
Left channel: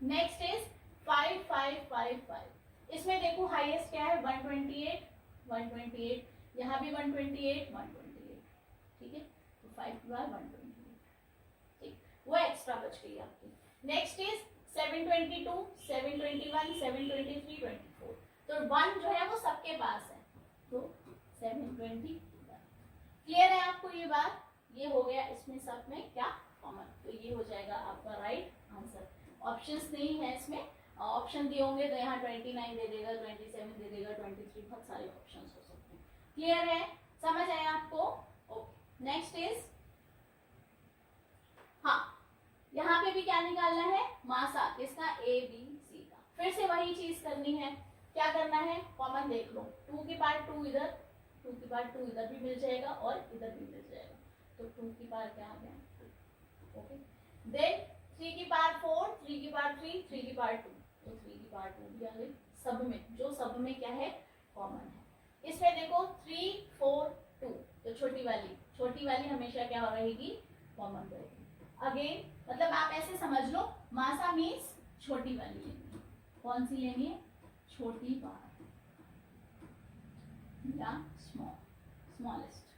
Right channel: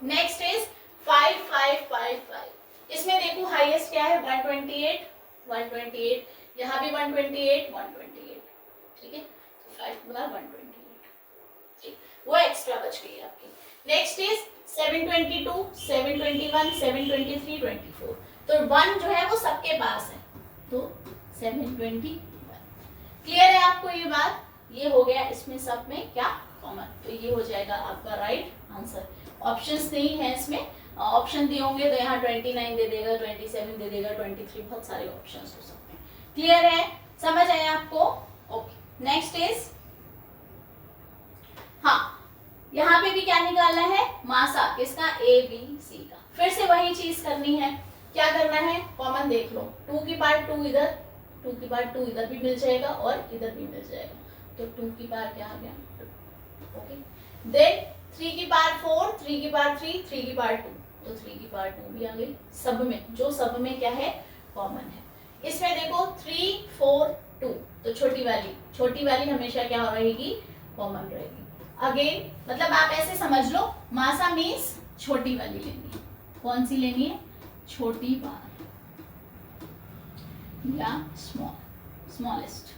Next is 5555। इसमें देखो हाईएस्ट क्या है, 128, 128, यहाँ भी 128, 128, ठीक है, तो 5 की पावर 128, ठीक, वो एक्स्ट्रा बच गई आपकी। Next is 722, 721, 723, 24। तो 1 जो है वो सबके पास है, तो 721। क्लियर है आपको ये बात, ये हो गया इसमें सब में क्या कॉमन, तो ये हो जाएगा आपका राइट आंसर। ऑप्शंस नहीं है इसमें, ऑप्शन दिए होंगे तो यहाँ 29 दे देगा, 27 दे देगा, 23, बहुत सारे ऑप्शंस हो सकते हैं। क्लियर है, समझ आया आपको। ओके, नेक्स्ट इज, हाँ यहाँ पे भी क्या निकालना है, मासा, किसका, ए बी सी का। फिर से वही चीज करनी है, क्या करना है, कॉमन देख लो, 2 की पावर 2 इधर, 2 की पावर 2 इधर भी मिल जाएगा और इधर भी मिल जाएगा, तो 2 की पावर क्या आ गया, 2। ओके, देन 3 की पावर 4, 3 की पावर 3, 3 की पावर 2, तो 3 की पावर 2 भी आ गई। सब में, जो सब में क्या है, कॉमन है। इसमें देखो 3, 4, 2, तो छोटी वाली हमेशा क्या रहेगी, कॉमन रहेगी। अगेन मतलब आप ऐसे समझ लो, मासा मीन्स छोटी वाली लेनी है, कौन सी लेनी है, छोटी पावर या स्मॉलेस्ट,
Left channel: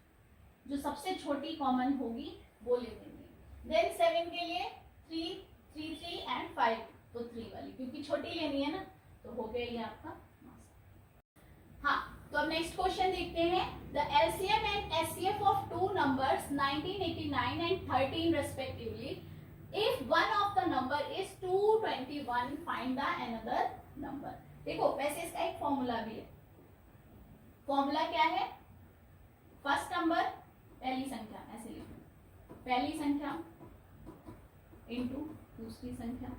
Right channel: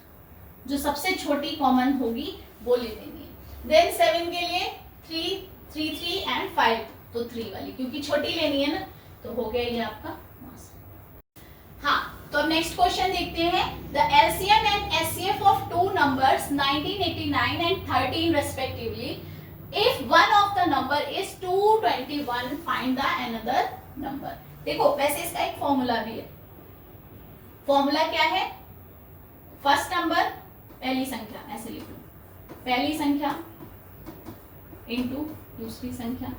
जो सबसे छोटी कॉमन होगी वो ले लेनी है। देन 7 के लिए 3, 3, 3 एंड 5, तो 3 वाली, क्योंकि छोटी लेनी है ना, तो हो गया ये आपका मासा। हाँ, तो अब नेक्स्ट क्वेश्चन देखते हैं। The LCM and HCF of 2 numbers 1989 and 13 respectively, if one of the number is 221, find the another number. देखो वैसे इसका एक फॉर्मूला भी है, फॉर्मूला क्या है, फर्स्ट नंबर पहली संख्या, ऐसे लिखो, पहली संख्या इनटू दूसरी संख्या,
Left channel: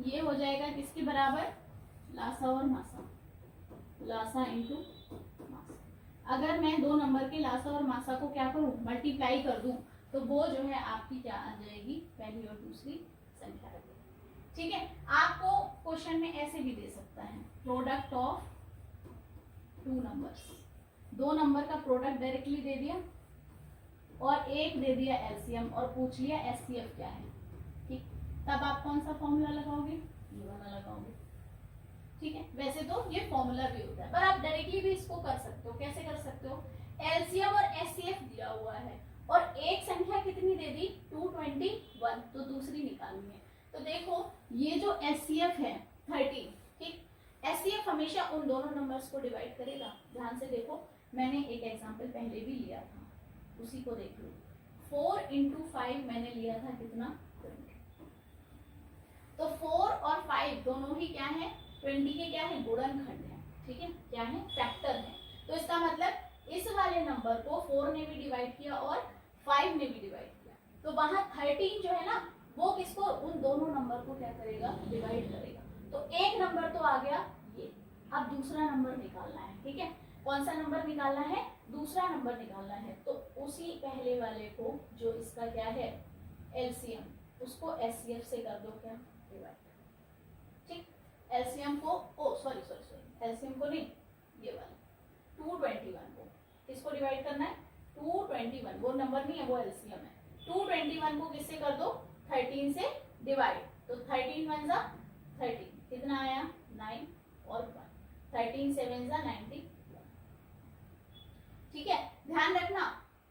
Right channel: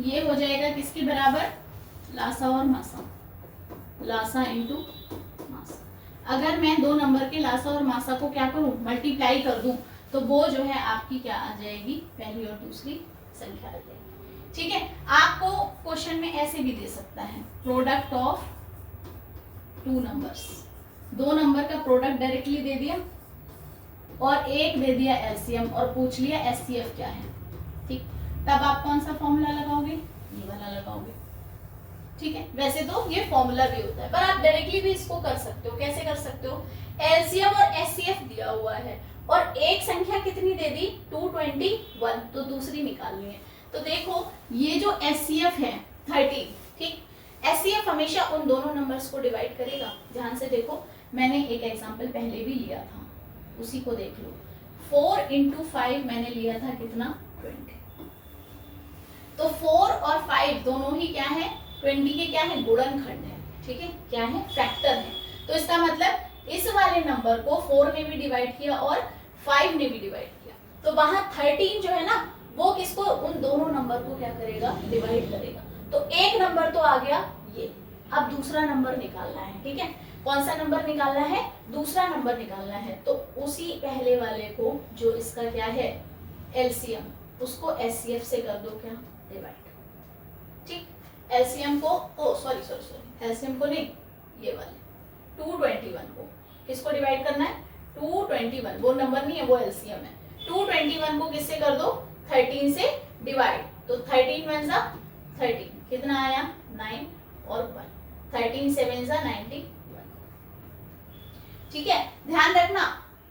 ये हो जाएगा किसके बराबर, लासा और मासा, लासा इनटू मासा। अगर मैं 2 नंबर के लासा और मासा को क्या करूं, मल्टीप्लाई कर दूं, तो वो जो है आपकी क्या आ जाएगी, पहली और दूसरी संख्या आ जाएगी। ठीक है, आपको क्वेश्चन में ऐसे भी दे सकता है, प्रोडक्ट ऑफ 2 नंबर्स, 2 नंबर का प्रोडक्ट डायरेक्टली दे दिया और एक दे दिया एलसीएम और पूछ लिया एचसीएफ क्या है। ठीक, तब आप कौन सा फॉर्मूला लगाओगे, ये वाला लगाओगे। ठीक है, वैसे तो ये फॉर्मूला भी होता है, पर आप डायरेक्टली भी इसको कर सकते हो। कैसे कर सकते हो, एलसीएम और एचसीएफ दिया हुआ है और एक संख्या कितनी दे दी 221, तो दूसरी निकालनी है। तो देखो ये जो एचसीएफ है 13, ठीक, एचसीएफ हमेशा उन दोनों नंबर्स को डिवाइड करेगा। ध्यान से देखो, मैंने एक एग्जांपल पहले भी लिया था, उसी को देख लो। 4 × 5 मैंने लिया था कितना 20, तो 4 और 5 दोनों ही क्या है 20 के क्या है गुणनखंड है, ठीक है, क्या है फैक्टर है। तो इसका मतलब इस वाले नंबर को 4 ने भी डिवाइड किया और 5 ने भी डिवाइड किया, तो वहां 13 जो है ना वो किसको उन दोनों नंबर को क्या करेगा डिवाइड करेगा। तो एक नंबर तो आ गया ये, अब दूसरा नंबर निकालना है, ठीक है। कौन सा नंबर निकालना है, दूसरा नंबर निकालना है। तो उसी पहले वाले को जो इसका क्या है एलसीएम, उसको एचसीएफ से कर दो क्या डिवाइड, ठीक। एलसीएम को सॉरी एलसीएम को नहीं, ये वाले 221 को किसको डिवाइड करना है 221, वो नंबर नहीं है वो एलसीएम है। 221 को किससे कर दो 13 से डिवाइड, तो 13 1 जा 13, कितना आया 9 और 1, 13 7 जा 91, ठीक है। ध्यान रखना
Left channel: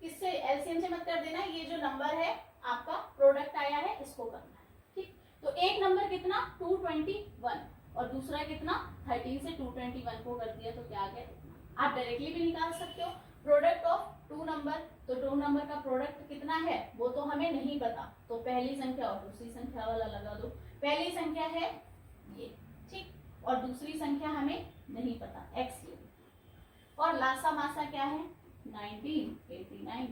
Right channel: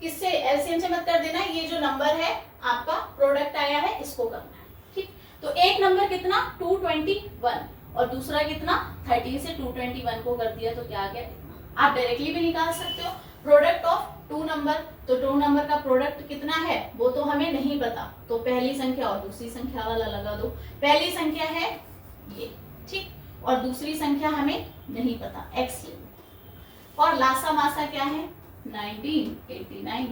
किससे एलसीएम से मत कर देना, ये जो नंबर है आपका प्रोडक्ट आया है इसको करना है, ठीक। तो एक नंबर कितना 221 और दूसरा कितना 13 से 221 को कर दिया तो क्या आ गया इतना। आप डायरेक्टली भी निकाल सकते हो प्रोडक्ट ऑफ टू नंबर, तो टू नंबर का प्रोडक्ट कितना है वो तो हमें नहीं पता, तो पहली संख्या और दूसरी संख्या वाला लगा दो। पहली संख्या है ये, ठीक, और दूसरी संख्या हमें नहीं पता x ले लो, और लासा मासा क्या है 1989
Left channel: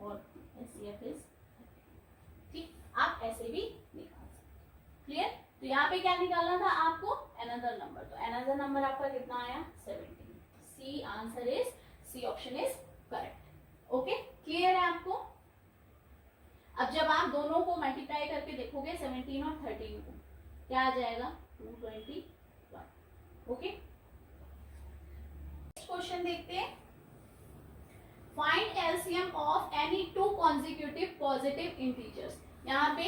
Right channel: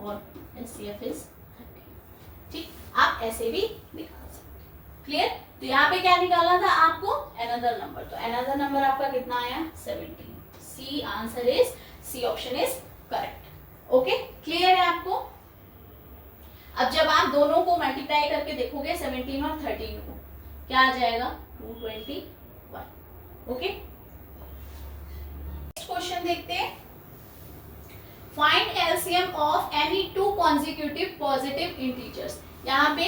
और एचसीएफ इज 30, ठीक। आप ऐसे भी निकाल सकते, क्लियर। तो यहाँ पे क्या निकालना था आपको अनदर नंबर, तो अनदर नंबर आपका कितना आया 17, C answer is C option is correct. Okay, clear है आपको। अब जब आप दोनों को मल्टीप्लाई करके देखोगे 17 और 13 को, क्या आ जाएगा 221। ओके, नेक्स्ट क्वेश्चन देखते हैं। Find LCM of any two consecutive positive integers. यहाँ पे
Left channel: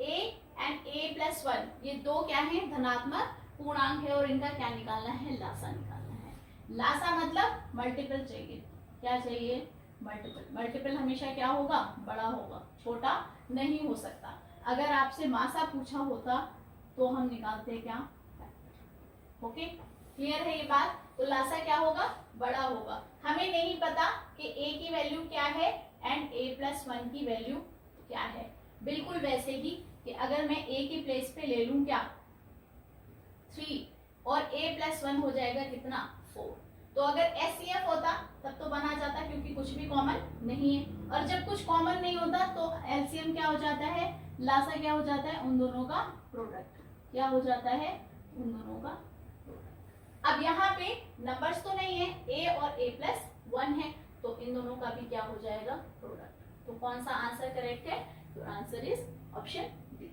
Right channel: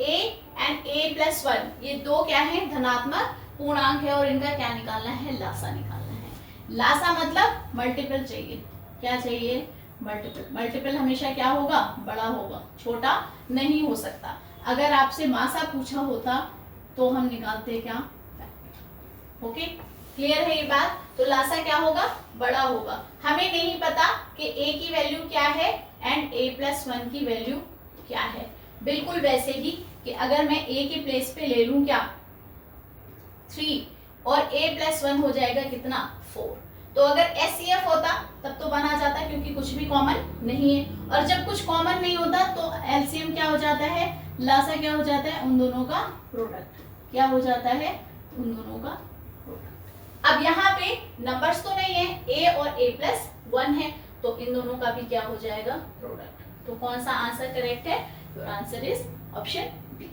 a एंड a+1 ये दो क्या है धनात्मक पूर्णांक है और इनका क्या निकालना है लासा निकालना है। लासा मतलब मल्टीपल चाहिए, क्या चाहिए मल्टीपल। मल्टीपल हमेशा क्या होगा बड़ा होगा, छोटा नहीं हो सकता। अगर आपसे मासा पूछा होता तो हम निकालते क्या फैक्टर। ओके, क्लियर है ये बात। तो लासा क्या होगा बड़ा होगा। हमें नहीं पता कि a की वैल्यू क्या है एंड a+1 की वैल्यू क्या है। बिल्कुल वैसे ही कि अगर मैं a के प्लेस पे ले लूं क्या 3 और a+1 हो जाएगा कितना 4, तो अगर एचसीएफ होता तब तो बना जाता क्योंकि कुछ भी कॉमन नहीं है, और जब कुछ कॉमन नहीं होता तो एलसीएम क्या हो जाता है लासा क्या हो जाता है उन दोनों का प्रोडक्ट, क्या हो जाता है उन दोनों का प्रोडक्ट। अब यहाँ पे नंबर्स तो नहीं है a और a+1 है, तो इन दोनों का भी क्या हो जाएगा प्रोडक्ट। तो कौन सा आंसर करेक्ट है, your answer is option D.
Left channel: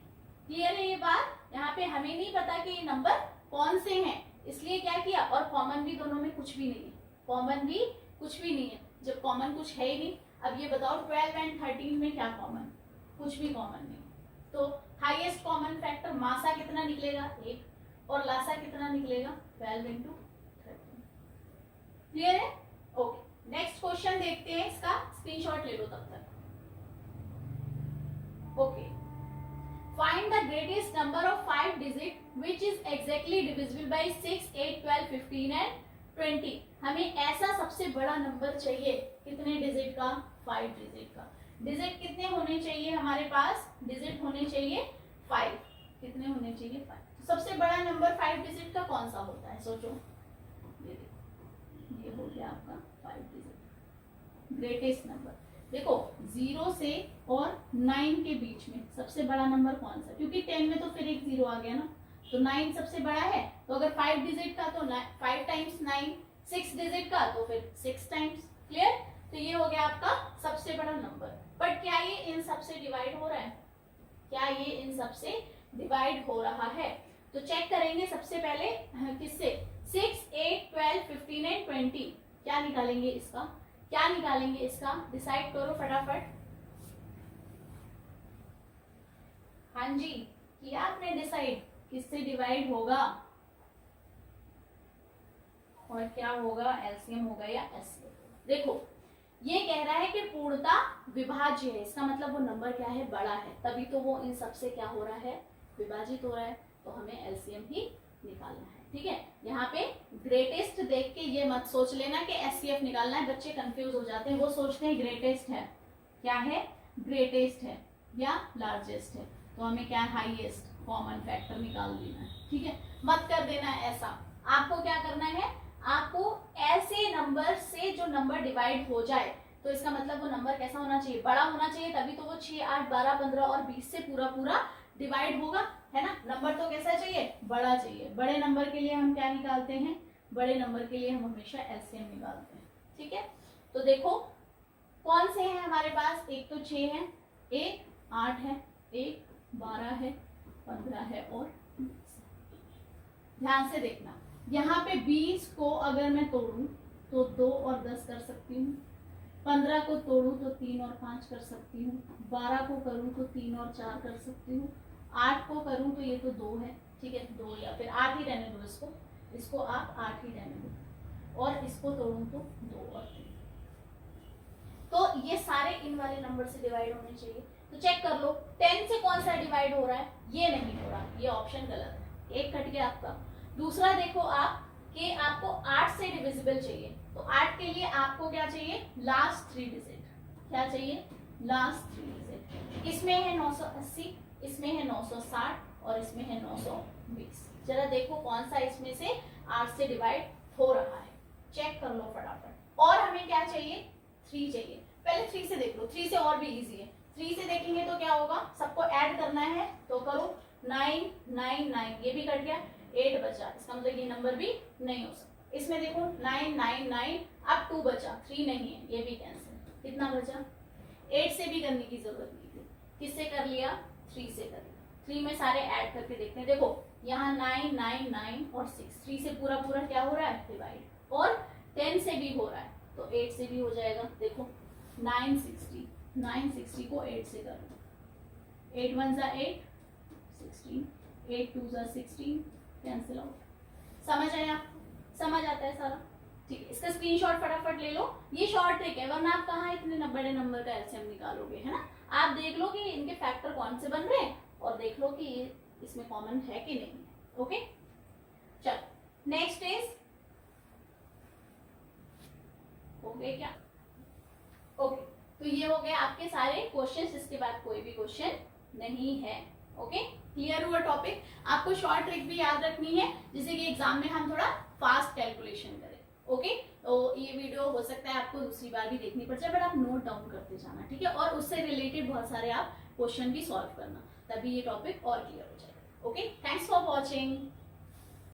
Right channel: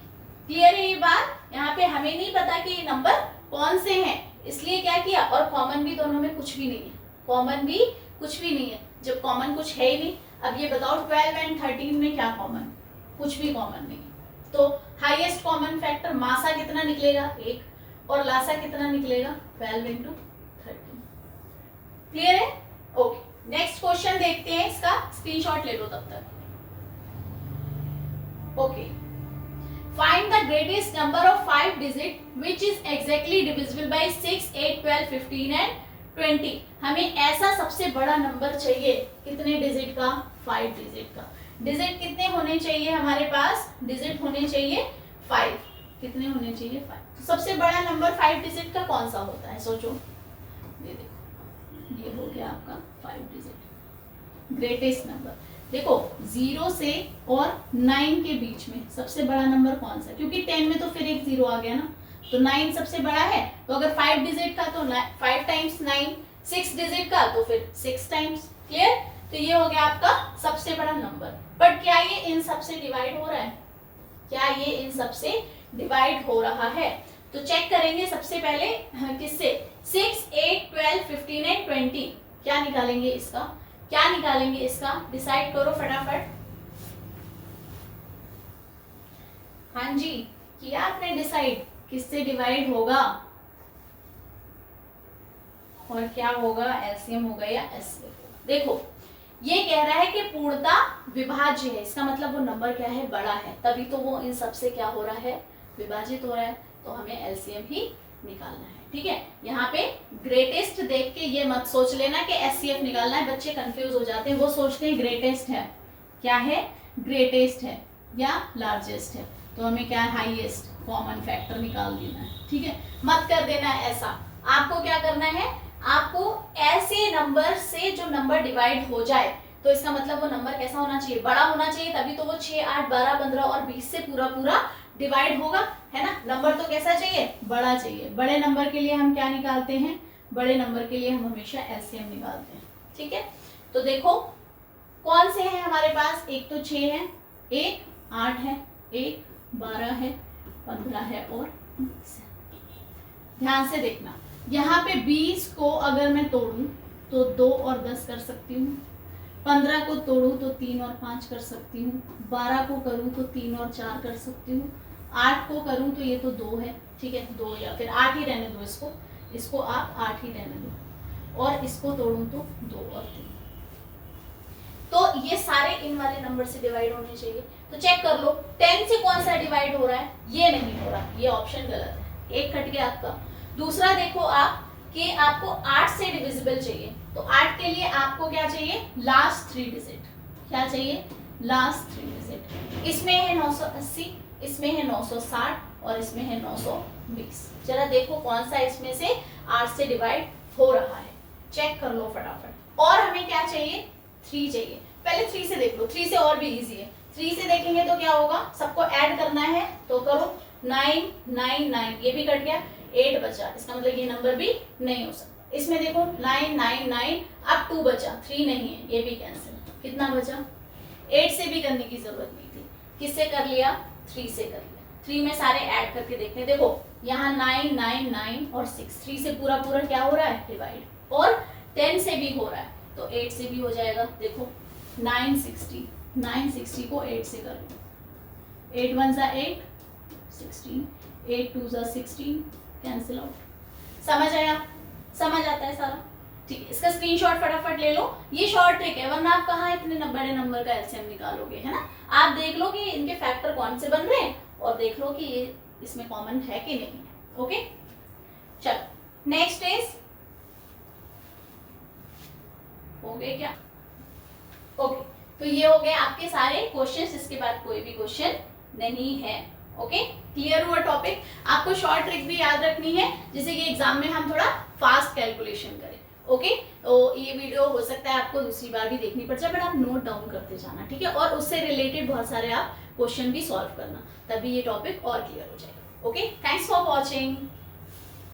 Clear है ये बात। यहाँ पे हमें नहीं पता कि ये नंबर कौन से हैं, इसलिए क्या किया, और कॉमन भी दोनों में कुछ भी नहीं है, कॉमन भी कुछ भी नहीं है। जब कॉमन कुछ है ही नहीं, अब ये बताओ 12 एंड 13 में क्या कॉमन, कुछ भी कॉमन नहीं। तो हाईएस्ट कॉमन फैक्टर मासा कितना निकलेगा 1 और लासा कितना निकलेगा 12 × 13। क्लियर है। ओके, नेक्स्ट क्वेश्चन देखते हैं, इसका स्क्रीनशॉट ले लो तब तक। Okay, find the greatest number of 5 digit which is exactly divisible by 6, 8, 12, 15 and 20। हमें ऐसा सबसे बड़ा नंबर चाहिए कितने डिजिट का 5 डिजिट का। डिजिट कितने होने चाहिए हमारे पास, डिजिट होने चाहिए 5। कितने होने चाहिए 5। तो सबसे बड़ा नंबर 5 डिजिट का कौन सा होता है सोचो। ये देखो ये हो गया आपका 5 डिजिट ग्रेटेस्ट नंबर। देखो 0 से और 9 के बीच में सबसे बड़ा नंबर कौन सा, क्योंकि 10 में तो फिर एक 0 आ गया ना, तो 9 सबसे बड़ा है। तो अगर 5 डिजिट का तो 5 टाइम्स 9, 6 डिजिट का तो फिर 6 टाइम्स। क्लियर। तो ये हो गया आपका सबसे बड़ा नंबर। बट क्या ये इन सबसे डिवाइड हो रहा है, क्या ये इन सबसे डिवाइड हो रहा है, तो चेक करेंगे सबसे पहले किससे 6, 8, 12, 15 एंड 20। क्या निकालेंगे इसका, क्या निकालेंगे इसका, डिसाइड करो फटाफट। हाँ जी, किया आपने डिसाइड किससे डिवाइड होगा और क्या होगा, एलसीएम होगा या एचसीएफ होगा। देखो ये कह रहा है कि पूर्णता विभाज्य है, इसका मतलब वो नंबर क्या है, बड़ा है, तभी तो वो इन सबसे क्या हो रहा है, विभाजित हो रहा है। तो हमें एलसीएम ही निकालना है, ठीक है। यहाँ पे ग्रेटेस्ट देख के ये मत सोच लेना कि एचसीएफ निकालना है, बच्चे कंफ्यूज हो जाते हैं, वो सोचते हैं ग्रेटेस्ट है, क्या है, ग्रेटेस्ट है या लार्जेस्ट है, तो हमें क्या है, हाईएस्ट कॉमन फैक्टर निकाल देना है, ठीक है। मत कर देना है ऐसा, आपको क्या करना है, आपको ऐसे नंबर से जो नंबर डिवाइड हो जाए, तो इसका मतलब वो नंबर कैसा होना चाहिए, बड़ा होना चाहिए, तभी तो वो 6, 8, 12, 15 और 20 से पूरा पूरा डिवाइड होगा, है ना। नंबर तो कैसा चाहिए, बड़ा चाहिए। बड़े नंबर के लिए हम क्या निकालते हैं, बड़े नंबर के लिए हम हमेशा एलसीएम निकालते हैं, ठीक है। तो देखो कौन से हैं हमारे पास, एक तो 6 है, एक 8 है, एक 12 है, 15 है और 20 है। ध्यान से देखना, यहाँ पे 20 को अगर मैं तोड़ूं तो 2 और 10 कर सकती हूँ, 15 को तोड़ूं तो 3 और 5 कर सकती हूँ, 12 को करूँ तो 3 और 4 कर सकती हूँ, 8 को करूँ तो ये तो 2 है, ठीक है, 2 या फिर 8 ही रहने दो, इसको आप 8 ही रहने दो, और इसको तोड़ूं तो 2 और 3। तो ये सारे इन वाले नंबर से डिवाइड होने चाहिए। तो चेक कर लो 10 से कौन सा डिवाइड हो रहा है, ये नहीं हो रहा, ये ऑप्शन गलत है, एक कट गया आपका। दूसरा देखो आप कि आपको 8 से डिविजिबल चाहिए, तो 8 के लिए आपको क्या चाहिए, लास्ट 3 डिजिट, क्या चाहिए, लास्ट 3 डिजिट। इसमें है 980, इसमें है 960 और इसमें है 920। जरा देखो कौन सा इसमें से 8 से डिवाइड हो रहा है, चेक कर लो फटाफट। और हमें क्या चाहिए, 3 चाहिए। पहले 3 से देख लो, 3 से और भी इजी है। 3 से देखेंगे तो क्या होगा, सबको ऐड करना है, तो करो 9 9 9, ये भी कट गया, 8 बचा, इसका मतलब ये नंबर भी नहीं हो सकता। इसमें देखो 9 9 9, अब 2 बचा, 3 नहीं है, ये भी कैंसिल। कितना बचा, 8 से भी करने की जरूरत नहीं थी, किससे कर लिया, 3 से कर लिया। 3 में सारे ऐड करके देखते हैं, देखो यहाँ 9 9 9 और 6, 3 से पूरा पूरा क्या हो रहा है, डिवाइड, और 10 से भी हो रहा है, तो 8 से भी हो जाएगा। देखो 960, 960 को 8 से कर लो, 8 1 जा 8, 16, 8 2 जा 16, कैंसिल आउट। समझ आया, समझ आता है सारा, ठीक है। इसका स्क्रीनशॉट फटाफट ले लो, ये शॉर्ट ट्रिक है, वरना आप कहाँ इतने बड़े नंबर का एलसीएम निकालोगे, है ना। आप देख लो कि इनके फैक्टर कौन से बन रहे हैं, और देख लो कि ये इसमें कॉमन है कि नहीं है। ओके, चलो नेक्स्ट इज, हो गए क्या, ओके। तो ये हो गए आपके सारे क्वेश्चंस, इसके बाद कोई भी क्वेश्चन नहीं है। ओके, क्लियर हुआ टॉपिक। आपको शॉर्ट ट्रिक भी याद रखनी है, जिससे कि एग्जाम में हम थोड़ा फास्ट कैलकुलेशन करें। ओके, तो ये वीडियो हो सकता है आपको दूसरी बार भी देखनी पड़ जाए, बट आप नोट डाउन करते जाना, ठीक है, और उससे रिलेटेड बहुत सारे आप क्वेश्चन भी सॉल्व करना, तभी ये टॉपिक और क्लियर हो जाएगा। Okay, thanks for watching.